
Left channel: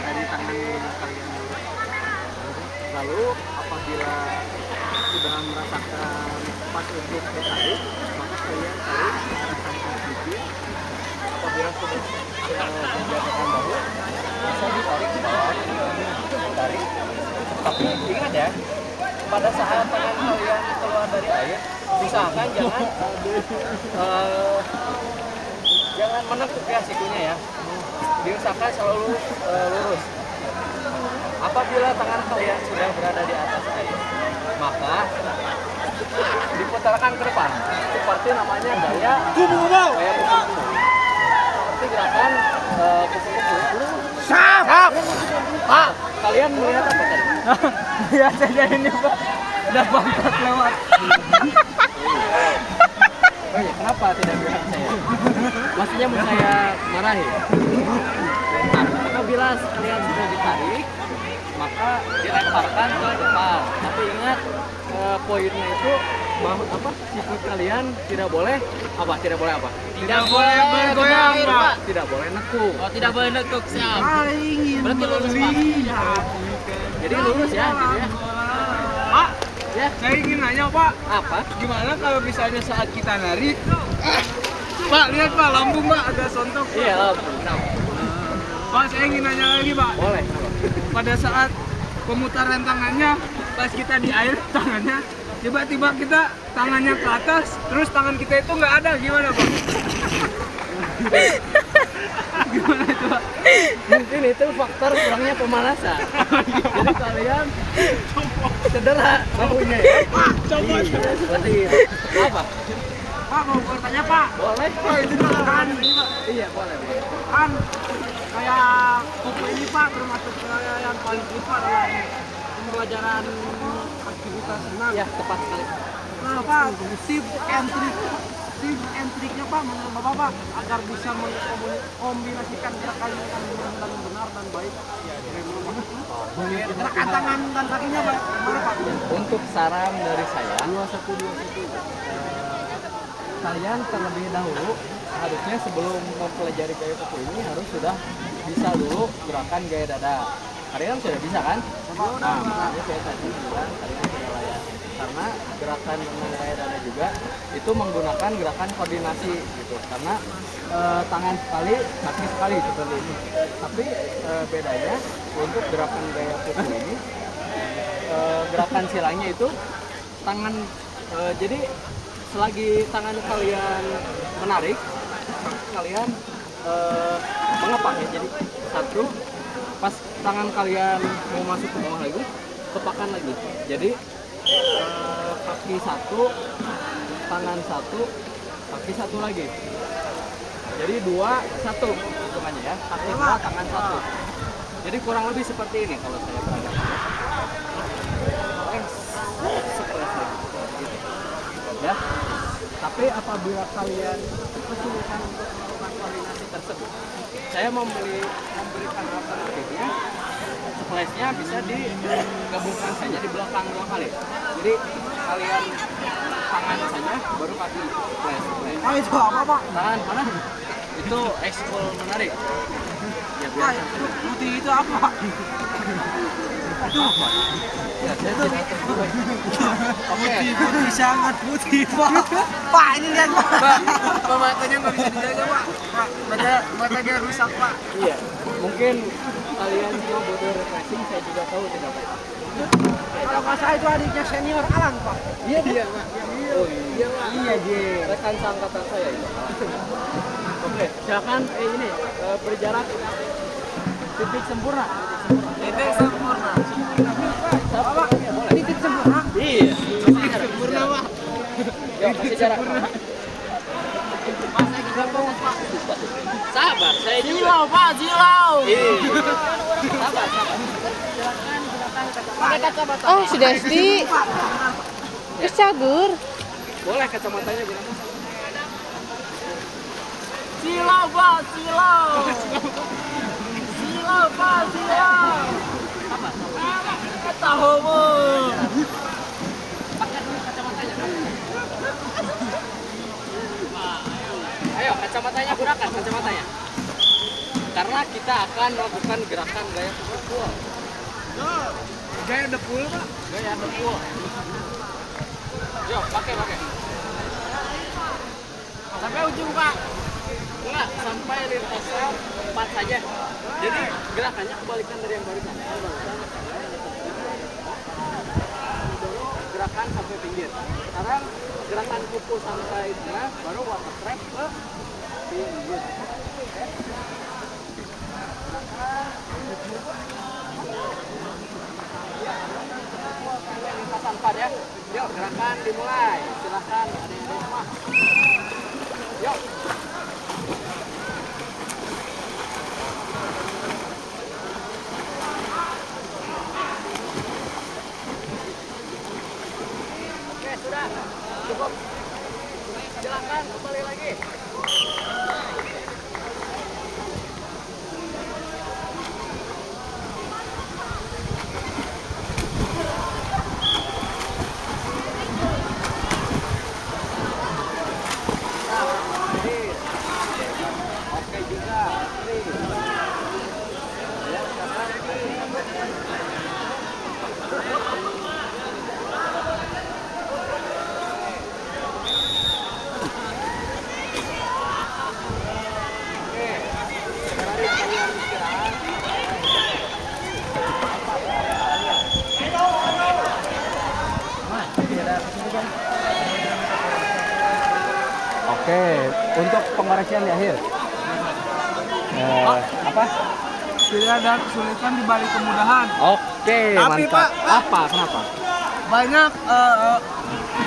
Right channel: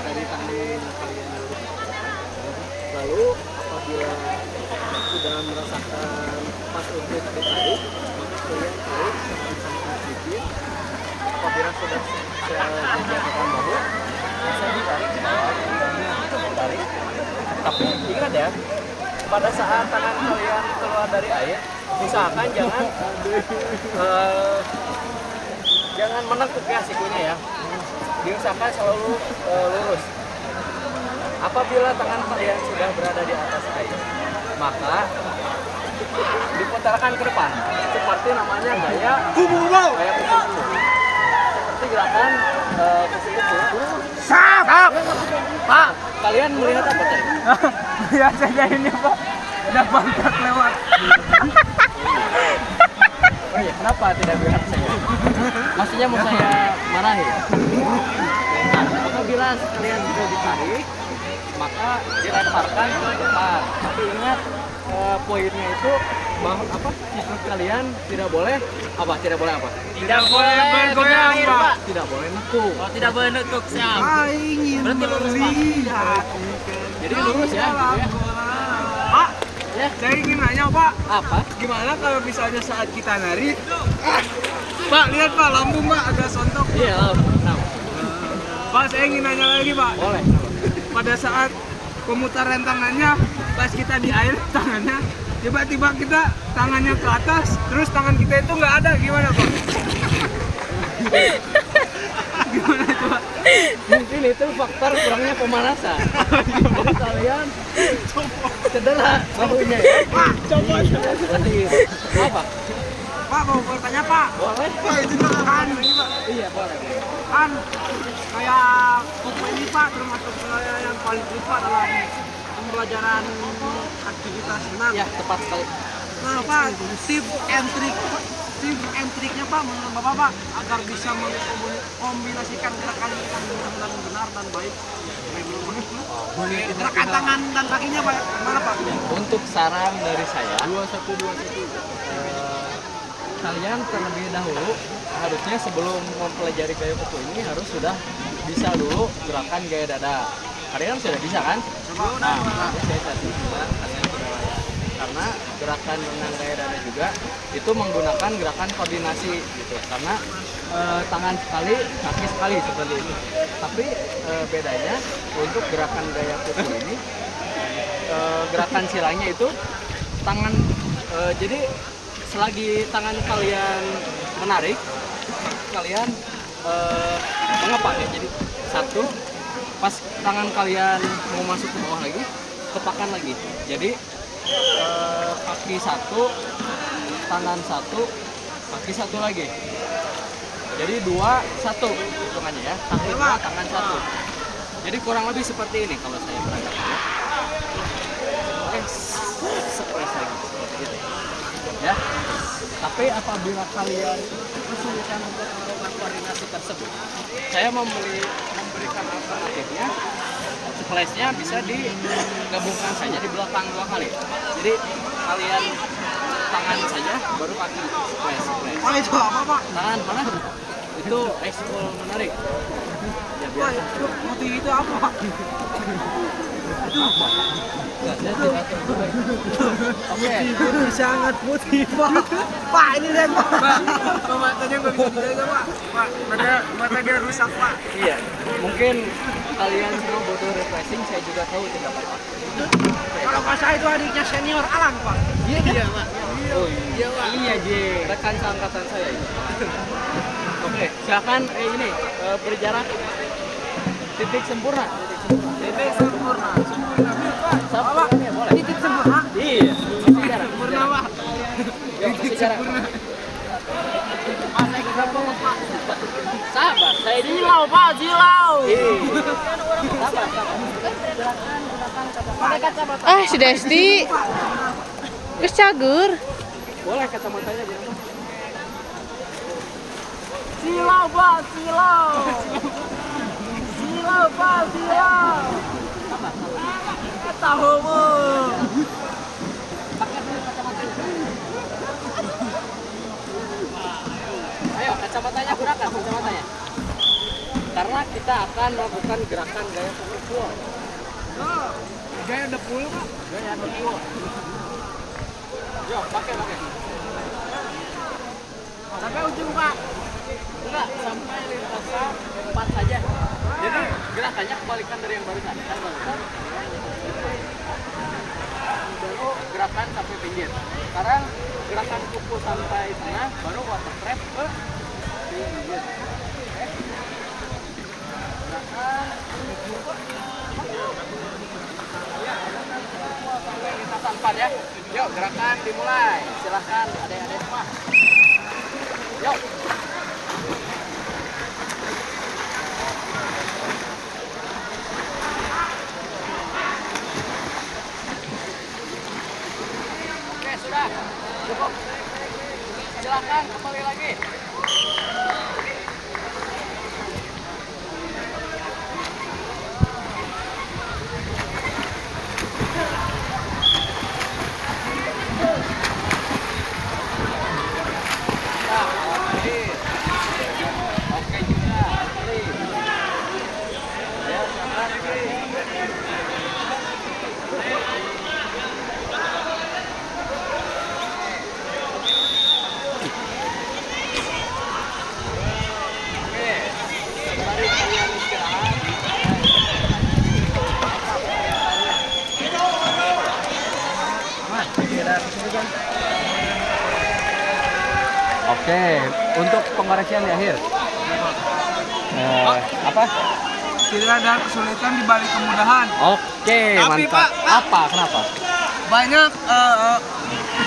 dari tangan kalian dulu. Lalu apabila sudah merasakan pas untuk ditarik, maka kalian tarik ke arah samping sedikit. Apabila sudah menjatuhkan bahu, bisa ditarik ke bawah, ditarik. Tapi ingat ya, pada saat tangan kalian keluar dari air, usahakan jangan menekuk ya sikunya ya. Diusahakan selalu lurus. Apabila tangan kalian sudah berada di atas air, maka diputarkan ke depan. Seperti namanya gaya kupu-kupu. Seperti gerakan kupu-kupu. Pak, kalian melihat apa tadi? Lihat saja ini pak. Ada bangkat lewat. Oh iya, kenapa tidak bilang saya? Maksudnya mau saya marahi? Nah, apabila kalian sudah ditarik, maka dilemparkan ke depan. Tapi ingat poinnya itu bahwa apa? Sikut kalian tidak boleh apa? Tidak boleh apa? Tidak boleh bergoyang Pak. Tidak boleh nekuk. Oh, tidak boleh nekuk, siap. Ingin Berarti lurus, Pak. melihat. Jadi lurus ya, gitu ya. Pak, Ya, saya ingin nanya pak. apa? Gimana kalau misalnya saat kita narik? Pak, lihat pak, lambung pak agak sontok. Pak. Iya, lalu kenapa? Pak, saya ingin nanya lagi pak. Boleh. Pada saat pemutaran tangannya, pas kita di air tangannya, tiba-tiba kita tangannya ke atas, terus tangan kita itu nggak ada, gimana pak? Gimana itu Pak? Mungkin itu faktor kurangnya pemanasan. Jadi kalian cedera bahunya ya. Coba. Seperti itu. Apa? Pak mau bertanya Pak. Boleh? Pak itu kan ini Pak. Iya boleh. Kan kayak pokok ini Pak termasuk yang paling lupa dalam pembelajaran aktivitas senam. Ya tepat sekali. Nah Pak, tips and triknya Pak menurut Bapak Pak agar bisa mengkombinasikan gerakan ini dengan mudah-mudahan benar dan baik. Gerakan tangan dan kakinya Pak, mana Pak? Untuk saran dari saya, kalian terlebih dahulu harusnya sebelum mempelajari gaya kuku ini harus sudah bisa dulu gerakan gaya dada. Kalian sudah bisa kan? Nah, ini saya tadi bilang kalian sudah layak. Karena gerakan renang gaya dada juga itu menggunakan gerakan koordinasi gitu. Karena tangan sekali, kaki sekali seperti itu. Tapi bedanya untuk gerakan gaya kuku ini gerakan silangnya itu tangan jadi selagi tangan kalian menarik, kalian mengepak ya. Jadi satu, pas tangan kalian mau masuk ke bawah lagi, kepakan lagi. Jadi kaki satu, tangan satu, kaki satu lagi. Jadi 2, 1 hitungannya ya. Kaki 2, tangan 1. Jadi kurang lebih seperti ini kalau saya peragakan ya. Stres lagi seperti itu. Ya. Tapi apabila kalian kesulitan untuk melakukan koordinasi tersebut, saya memberikan alternatifnya. Splashnya bisa digabungkan saja di belakang 2 kali. Jadi kalian tangan saja, baru kaki splash. Pak itu apa Pak? Tangan mana? Itu ekskul menarik. Ya, Pak itu putih itu apa Pak? apa? Ya, saya tidak tahu. Oke. Putih sangat putih Pak. Pak ini lihat Pak. Pak matanya nggak bisa dijaga Pak. Pak matanya rusak Pak. Iya. Mungkin kalian semua butuh refreshing, saya juga tahu tidak apa-apa. Kalau nggak salah itu adiknya senior Alan Pak. Iya, Pak. Oh, iya, Pak. Iya, J. Rekan seangkatan saya itu. Oke, silakan ini berjarak titik sempurna. Titik sempurna. Apa? Titik sempurna. Iya. Sempurna Pak. Titik sempurna. Sabar, saya Jilau Pak, jilau. Sabar. Silakan kacamata. Ah, si Desti. Terus cagur. Boleh kacamatanya bilang. Jilau Pak, jilau. Jilau Pak, jilau. Sabar. Tahumu. Pakai dulu kacamatanya. Ayo, kacamatanya gunakan kacamatanya. Karena kita akan melakukan gerakan gaya pukul. Gaya depul Pak. Gaya pukul. Yuk, pakai. Sampai ujung Pak. Enggak, sampai lintasan 4 saja. Jadi gerakannya kebalikan dari yang barusan. Kan barusan baru gerakan sampai pinggir. Sekarang gerakan kuku sampai tengah, baru water trap ke pinggir. Oke. Gerakan ya, gerakan kuku sampai lintasan 4 ya. Yuk, gerakan dimulai. Silahkan adik-adik semua. Yuk. Oke, sudah. Cukup. Silakan kembali lagi. Oke juga. Ya, silakan. Mari kalian istirahat. Apa pertanyaannya? Oke, untuk pengoreksian di akhir. Apa? Tidak ada kesulitan di balik kemudahan. Oke, Tapi, mantap. Pak, Apa? Kenapa? Banyak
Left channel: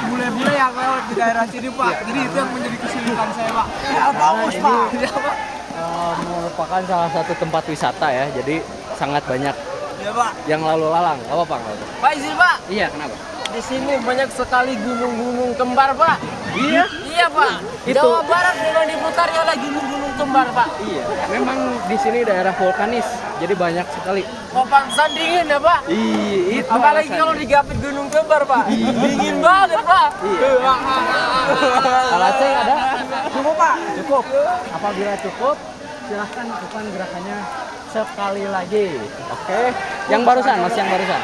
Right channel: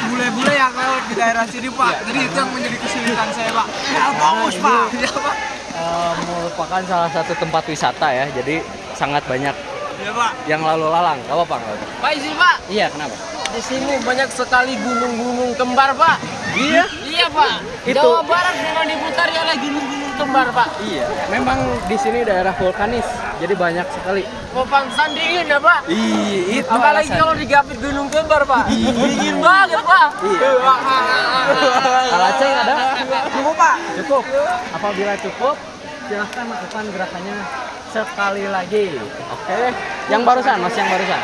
bule-bule yang lewat di daerah sini Pak. Jadi itu yang menjadi kesulitan saya Pak. Bagus Pak. Iya Pak. Merupakan salah satu tempat wisata ya. Jadi sangat banyak Iya Pak. yang lalu lalang. Gak apa-apa, nggak apa-apa. Pak isi Pak, Iya, kenapa? di sini banyak sekali gunung-gunung kembar Pak. Iya. Iya Pak. Itu. Jawa Barat memang diputari oleh gunung-gunung kembar Pak. Iya. Memang di sini daerah vulkanis. Jadi banyak sekali. Pantesan dingin ya Pak. Iya, itu. Apalagi alasan. kalau digapit gunung kembar Pak. Dingin banget Pak. Iya. Kalau Aceh ada? Cukup Pak. Cukup. Apabila cukup, silahkan lakukan gerakannya sekali lagi. Oke. Yang barusan, Mas, yang barusan.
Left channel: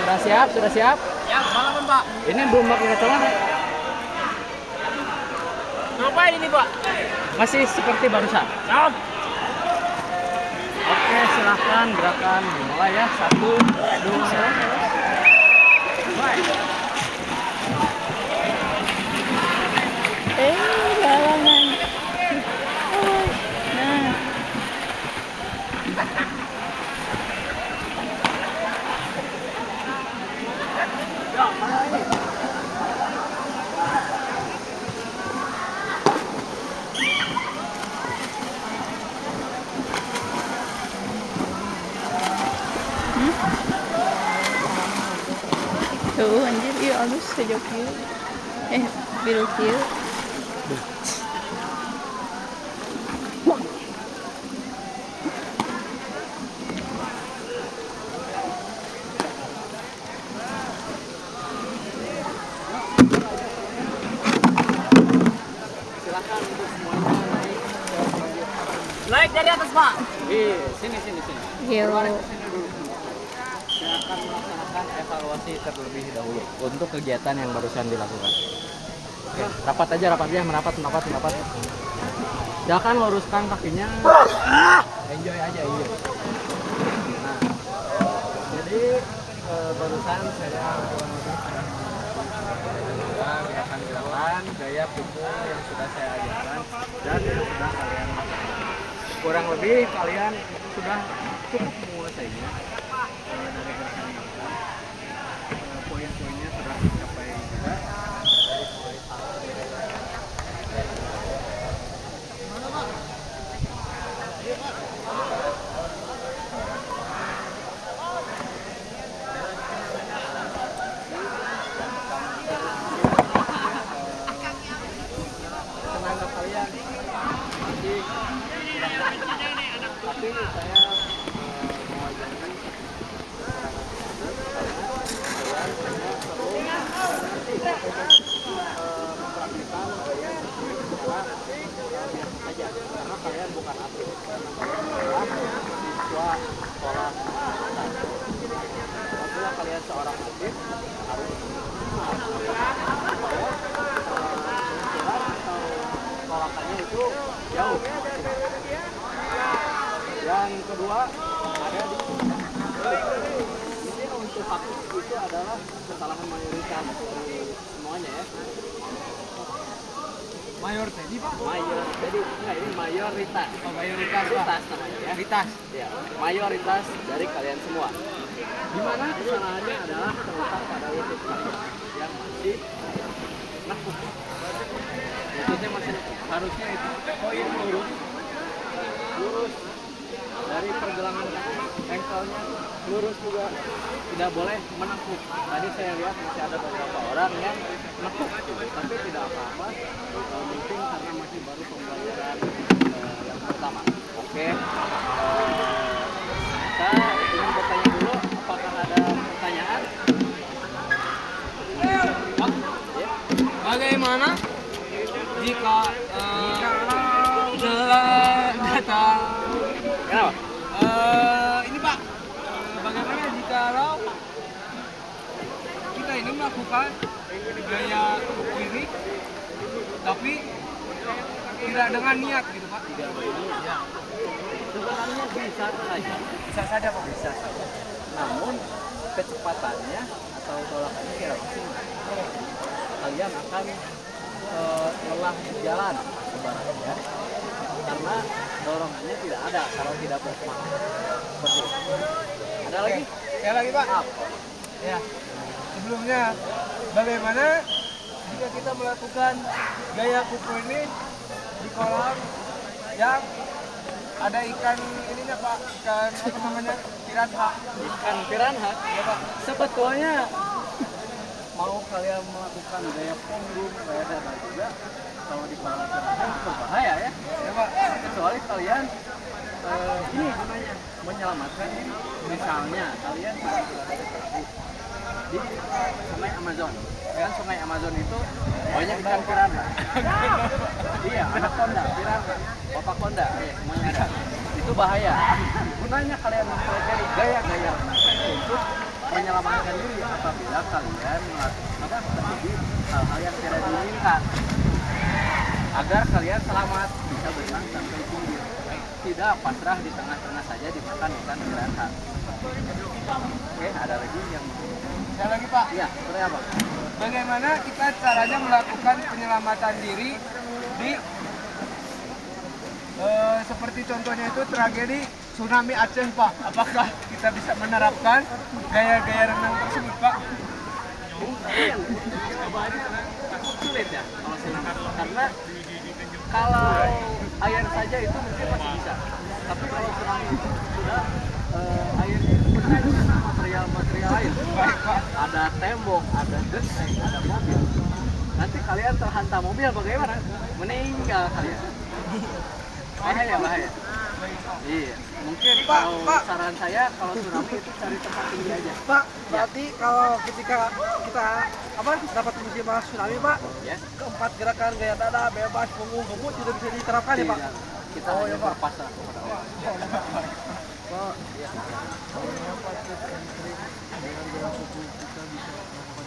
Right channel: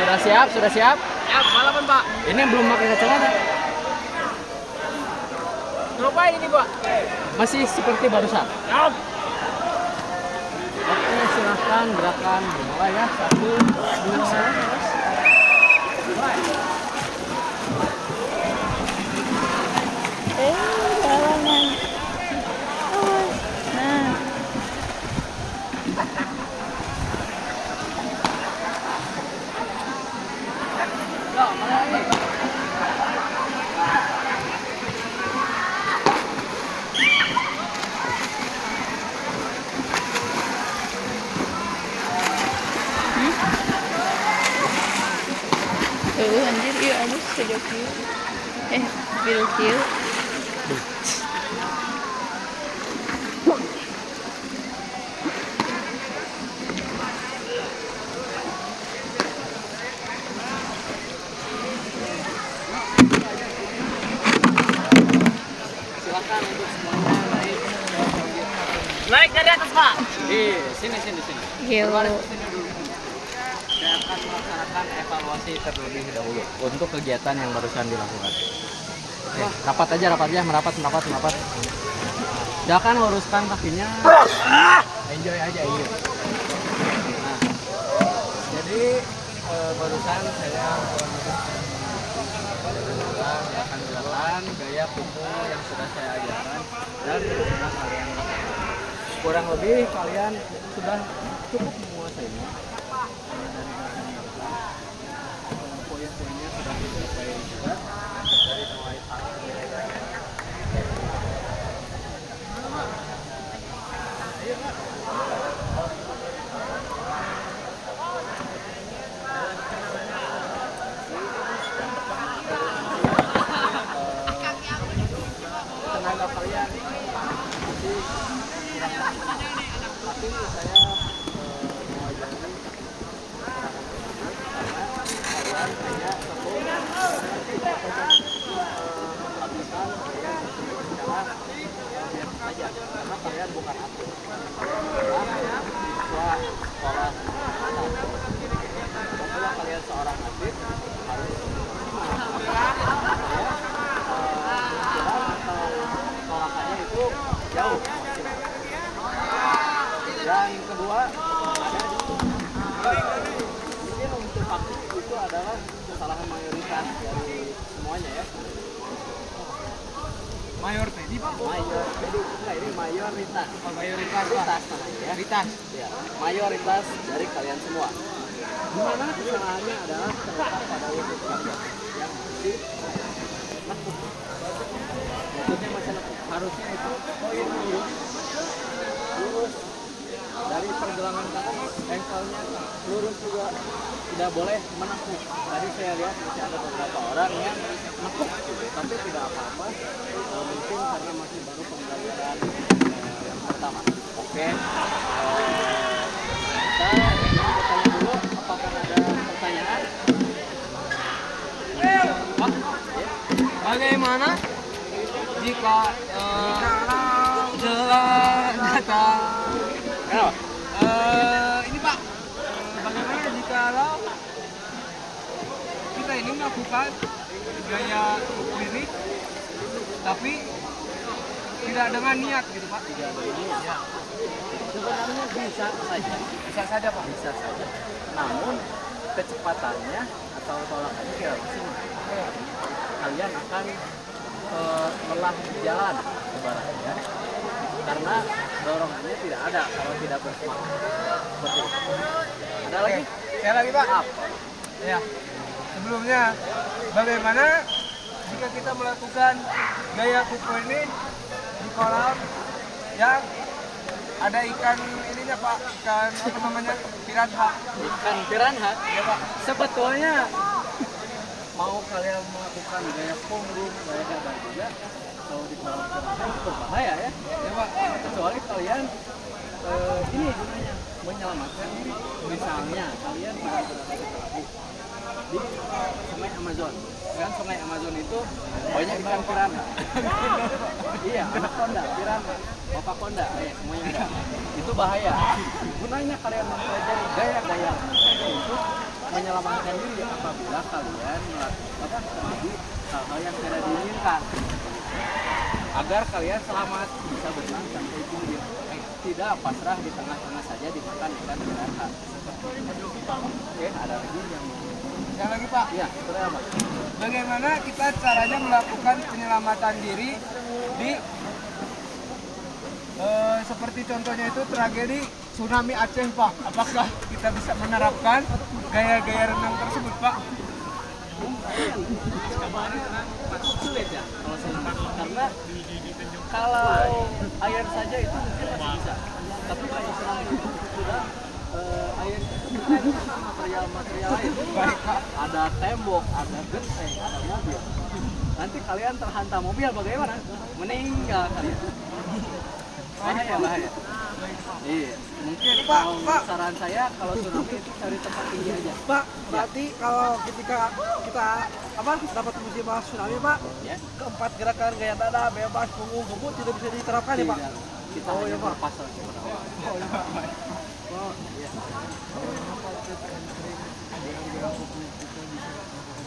Sudah siap? Sudah siap? Ya, malaman Pak. Ini belum pakai kacamata. Ngapain ini Pak? Masih seperti barusan. Oke, silahkan gerakan dimulai ya. 1, 2, Jalanan. Awas. Nah. Tuh anjir, iya halus sejak kieu. Biru kieu. Silahkan untuk semuanya naik. Naik dari atas Pak. Sini. Yo. Berbaris di sini dulu. Saya akan melaksanakan evaluasi terlebih dahulu untuk kegiatan yang barusan dilakukan. Oke, rapat aja, merapat. Silakan luruskan kakinya. Enjoy aja, enjoy. Nah, jadi barusan saya gerakan gaya pukul yang sudah saya ajarkan dan sudah kalian lakukan. Kurang lebih kalian sudah cukup menguasainya dari gerakan yang barusan. Poin-poinnya sudah dicapai juga dari mulai tangan tenaga kalian masih kurang maksimal, tapi saya mewajari kekurangan tersebut karena kalian hanya perlu mengerti untuk mempraktikkan gaya tersebut secara biasa saja karena kalian bukan atlet, karena kalian adalah siswa sekolah atas. Apabila kalian seorang atlet harus supaya luncuran atau tolakannya itu jauh maksimal. Dan kedua ada di mungkin untuk faktor itu adalah kesalahan mayoritas dari semuanya ya. Mayor tadi Pak. Mayor, jadi enggak, ini mayoritas. Oh, mayoritas Pak. Mayoritas namanya ya. Mayoritas. Ya, mayoritas dari kalian semua. Di mana kesalahannya adalah terletak pada lutut kalian yang masih nekuk. Lututnya masih nekuk. Harusnya itu koin lurus dari pergelangan kaki, ankle-nya lurus juga, tidak boleh menekuk. Tadi saya lihat masih ada beberapa orang yang nekuk, tapi tidak apa-apa. Mungkin karena masih baru pembelajaran yang pertama. Oke. Kita ingin bertanya dulu, apakah ada pertanyaan? Pak, Ya. bagaimana jika telah datang Kenapa? ini Pak, bagaimana jika kita ini melakukan gaya kuku ini tapi tidak dengan niat gitu Pak? Tidak ada ini. Ya, Sebenarnya bisa saja. bisa saja Pak. Bisa saja. Namun kecepatannya atau tolakannya tidak maksimal. Kalian akan lelah di jalan ibaratnya, karena dorongannya tidak ada kalau tidak bersemangat. Seperti itu. Ada lagi? Saya lagi Pak. Apa? Ya. Sebelumnya, bagaimana jika kita melakukan gaya kupu ini di kolam yang ada ikan ininya Pak, ikan apa namanya, piranha. Ikan piranha. Ya Pak. Sebetulnya mau kalian melakukan gaya punggung, gaya dada juga, kalau di kolam piranha itu berbahaya ya. Ya Pak. Kecuali kalian ini gunanya menyelamatkan diri. Misalnya kalian sedang berada di perahu di sungai Amazon. Ya kan sungai Amazon itu banyak ikan piranha. Iya, anaconda, piranha, opaconda, ya, semuanya ada. Itu bahaya. Gunanya kalian mempelajari gaya-gaya renang untuk menyelamatkan diri apabila kalian terjadi hal-hal yang tidak diinginkan. Agar kalian selamat bisa berenang sampai tinggi, tidak pasrah di tengah-tengah saja dimakan ikan piranha. Oke, ada lagi yang mau? Saya lagi Pak. Iya, seperti apa? Bagaimana kita caranya melakukan penyelamatan diri di seperti contohnya itu tragedi tsunami Aceh Pak. Apakah kita bisa menerapkan gaya-gaya renang tersebut Pak? Mungkin sulit ya kalau tsunami, karena kalau air saja itu mungkin masih bisa, tapi kalau tsunami itu sudah airnya itu berkaitan dengan material lain. Baik Pak. Ada tembok, ada genteng, ada mobil. Nanti kalian terhantam mobil bagaimana? Meninggal kalian. Bahaya. Iya, mungkin Pak, kalau Pak. saran saya kalau tsunami itu cari tempat tinggi aja. Pak, berarti kalau ketika kita dapat musibah tsunami Pak, Ya. keempat gerakan gaya dada, bebas, punggung, gebut tidak bisa diterapkan ya Pak? Tidak. Kita hanya berpasrah kepada Allah. Pak, ya. Bagaimana Pak tips and trik dengan gaya kupu kita bisa melakukan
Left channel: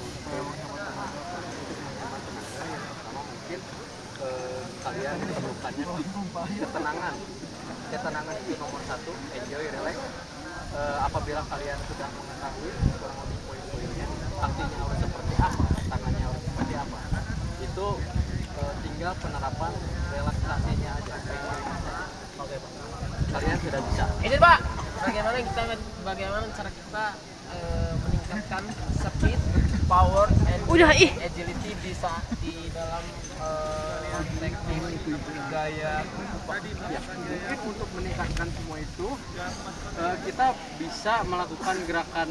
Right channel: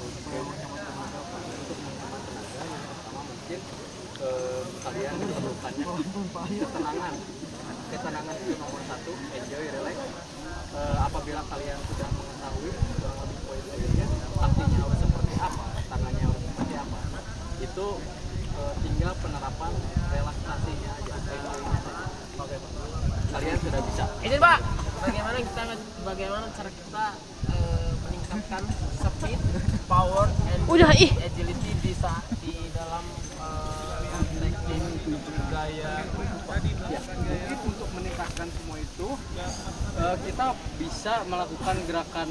Supaya menghemat tenaga, Pak, untuk menghemat tenaga yang pertama mungkin kalian diperlukannya ketenangan. Ketenangan itu nomor satu, enjoy, relax. Apabila kalian sudah mengetahui kurang lebih poin-poinnya, kakinya harus seperti apa, tangannya harus seperti apa, itu tinggal penerapan relaksasinya aja, enjoy-nya saja. Oke, Pak. Kalian sudah bisa. Ini Pak, bagaimana cara kita meningkatkan speed, power, and Udah, ih. agility di dalam teknik gaya Ya, mungkin untuk meningkatkan semua itu kita bisa melakukan gerakan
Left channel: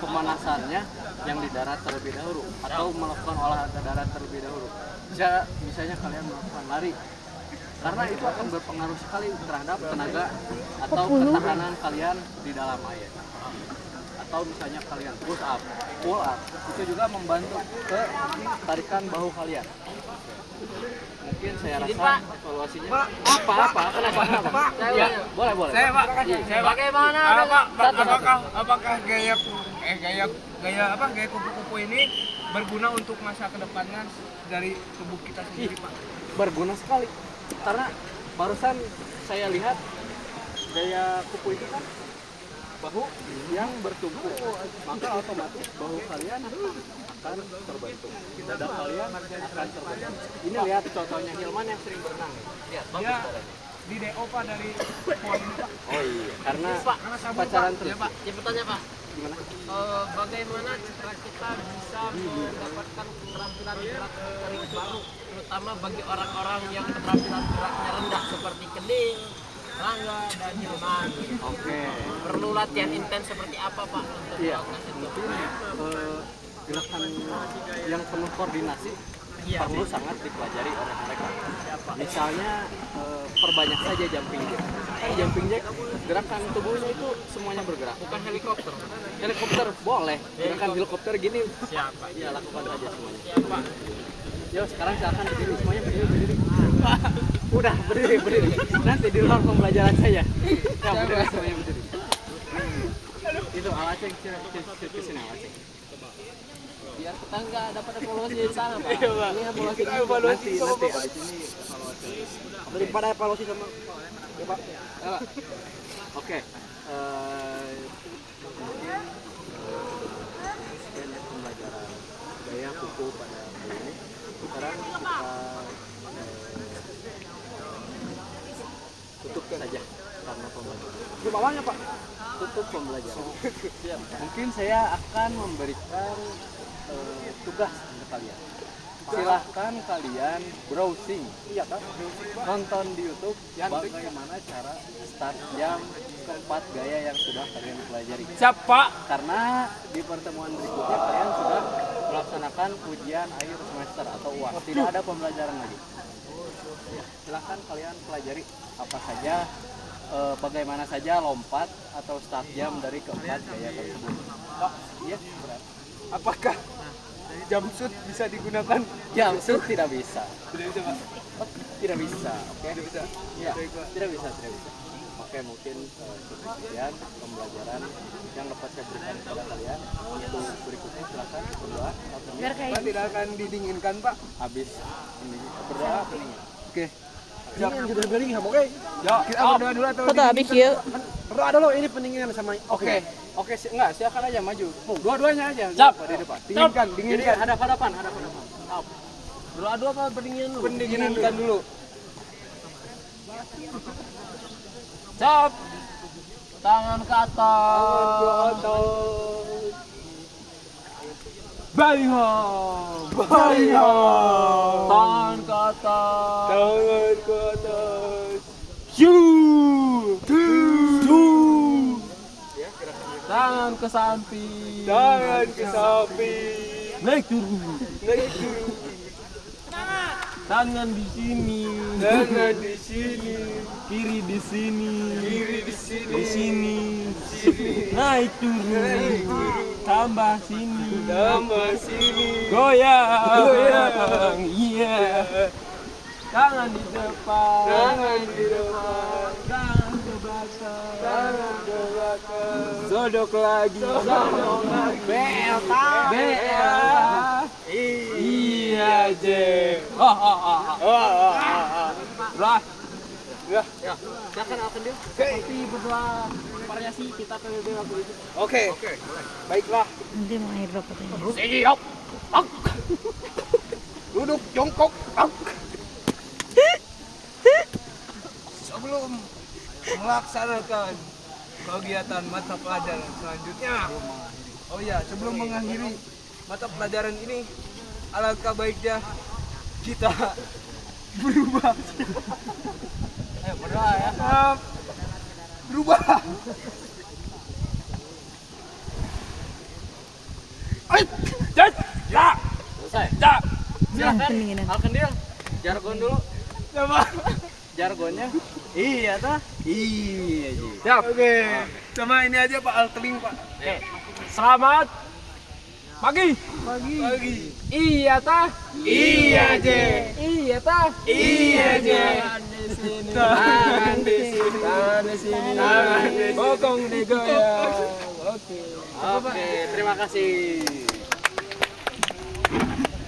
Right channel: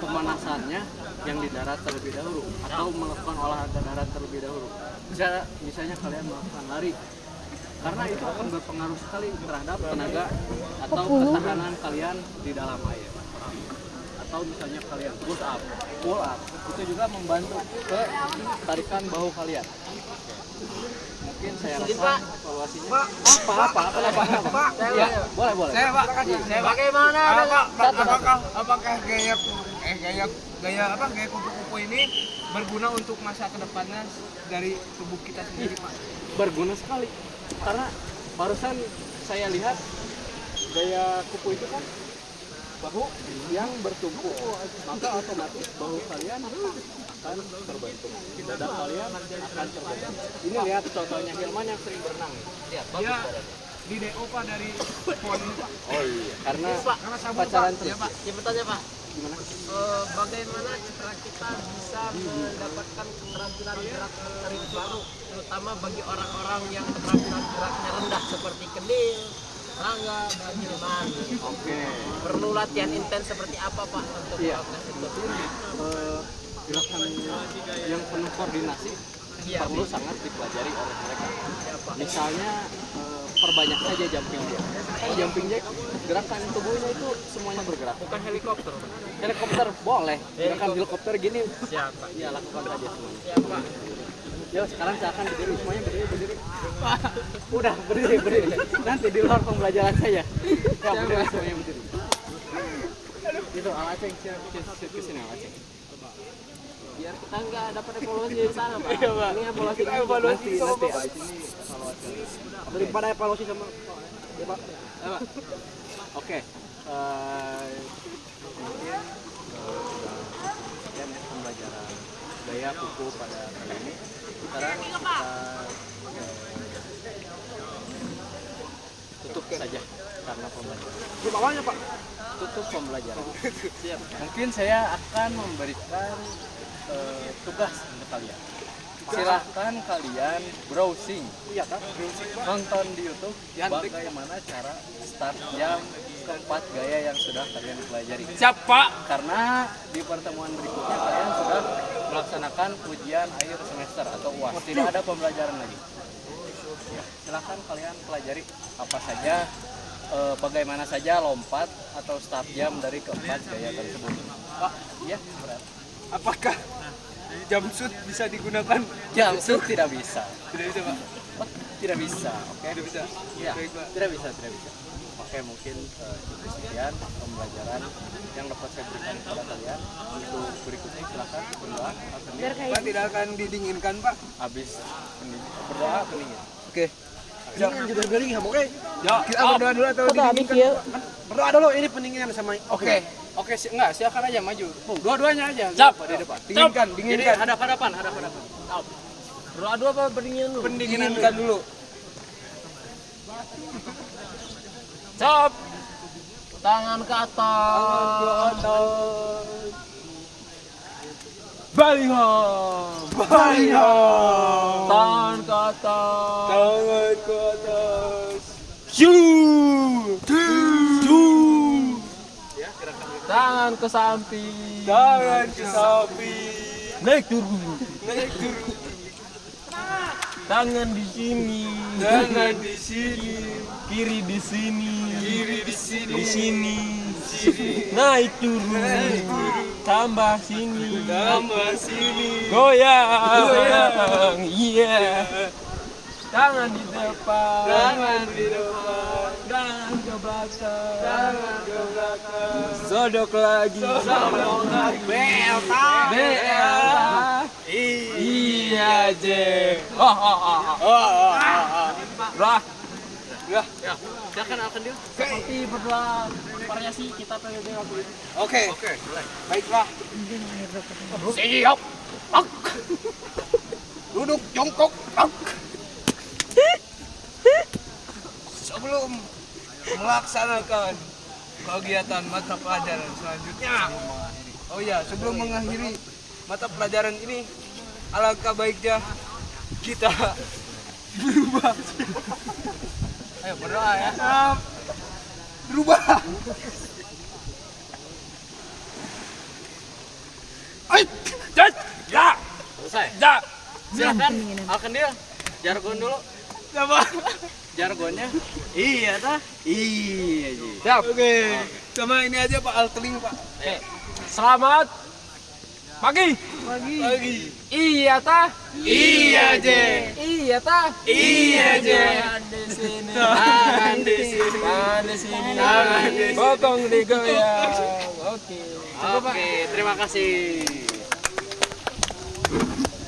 pemanasannya yang di darat terlebih dahulu atau melakukan olahraga darat terlebih dahulu. Misalnya kalian melakukan lari, karena itu akan berpengaruh sekali terhadap tenaga atau ketahanan kalian di dalam air. Atau misalnya kalian push up, pull up, itu juga membantu ke tarikan bahu kalian. Mungkin saya rasa evaluasinya apa? Ya, boleh. Saya Pak, bagaimana apakah gaya kupu-kupu ini berguna untuk masa kedepannya dari tubuh kita sendiri Pak? Berguna sekali, karena barusan saya lihat gaya kupu itu kan bahu yang bertumpu, maka otomatis bahu kalian akan terbentuk, dada kalian akan terbentuk. Ini lihat contohnya Hilman yang sering berenang, lihat bagus Ya, badannya. di DO Pak dari pon Pak. Oh iya, karena sabun, pacaran Pak. terus. Ya, Pak. Ya, bertanya Pak, Gimana? bagaimana cara kita bisa mendapatkan keterampilan gerak motorik baru, terutama bagi orang-orang yang keterampilan geraknya rendah seperti Kedil, Rangga, dan Hilman. Oke. Perlu latihan intens seperti apa Pak untuk Iya, melakukan itu? mungkin gerakan yang penuh koordinasi perlu sangat dipelajari oleh mereka. Misalnya perbanyak saja jumping jack. Kan jumping jack gerakan tubuhnya itu semuanya bergerak. Bukan helikopter. Helikopter boleh, gerakan helikopter gini. Siapa? Ya lakukan saja semuanya. Yo sekarang silakan berdiri, semuanya berdiri. Udah berdiri. Nanti di luar pembelajaran saya. Ya berdiri semuanya berdiri. Itu Alaceng, sini Alaceng. Biar kita nggak dapat evaluasi di sana Pak. Iya, Pak. Ini evaluasi Kita evaluasi sama Bapak. Di sini evaluasi. Daripada evaluasi sama ya Pak. Ya Pak. Oke. Mungkin sekian pembelajaran gaya hanya kuku pada kali ini. Sekarang kita tutup saja karena pembelajaran. Di bawahnya Pak. Tutup pembelajaran. Siap. Mungkin saya akan memberikan tugas untuk kalian. Silahkan kalian browsing, nonton di YouTube bagaimana cara start jam keempat gaya yang sudah kalian pelajari. Siap Pak. Karena di pertemuan berikutnya kalian sudah melaksanakan ujian akhir semester atau UAS. Tidak ada pembelajaran lagi. Ya, silahkan kalian pelajari apa saja, bagaimana saja lompat atau start jam dari keempat gaya tersebut. Pak, ya berat. Apakah jumpsuit bisa digunakan? Jumpsuit tidak bisa. Tidak bisa Pak. Oh, tidak bisa, oke? Tidak bisa. Ya, Baik, Pak. tidak bisa. Oke, mungkin cukup sekian pembelajaran yang dapat saya berikan kepada kalian. Untuk berikutnya silakan berdoa atau Pak tidak akan didinginkan Pak. habis berdoa pendingin. Oke. Jangan juga beli ya, oke. Kita berdoa dulu atau Foto habis ya. Berdoa dulu ini pendinginan sama. Oke. Oke, enggak, silakan aja maju. Dua-duanya aja. Siap. Di depan. Dinginkan, Jadi dinginkan. hadap-hadapan. Berdoa dua apa pendinginan dulu? Pendinginan dulu. Siap. Tangan ke atas. Baliham. Tangan ke atas. Tangan ke atas. Tangan ke samping. Tangan ke samping. Naik turun. Naik turun. Tangan di sini. Tangan di sini. Kiri di sini. Kiri di sini. Di sini. Sini. Naik turun. Tambah sini. Tambah sini. Goyang. Iya. Tangan di depan. Tangan di depan. Tangan ke belakang. Tangan ke belakang. Sodok lagi. Sodok lagi. BL. Iya, J. Lah. Ya, silakan akan dia. Seperti berdoa variasi kita PBB waktu itu. Oke. Baiklah. Siap. Duduk jongkok. Sebelum melaksanakan kegiatan mata pelajaran selanjutnya. Oh iya, sebelum mengakhiri mata pelajaran ini, alangkah baiknya kita berubah. Ayo berdoa ya. Berubah. Ya. Selesai. Ya. Silakan akan dia. Jargon dulu. Apa? Jargonnya. Iya tah? Iya, Ji. Siap. Oke. Sama ini aja Pak Alteling Pak. Selamat pagi. Pagi. Iya tah? Iya, J. Iya tah? Iya, J. Tangan di sini. Tangan di sini. Tangan di sini. Bokong digoyang. Oke. Oke, terima kasih.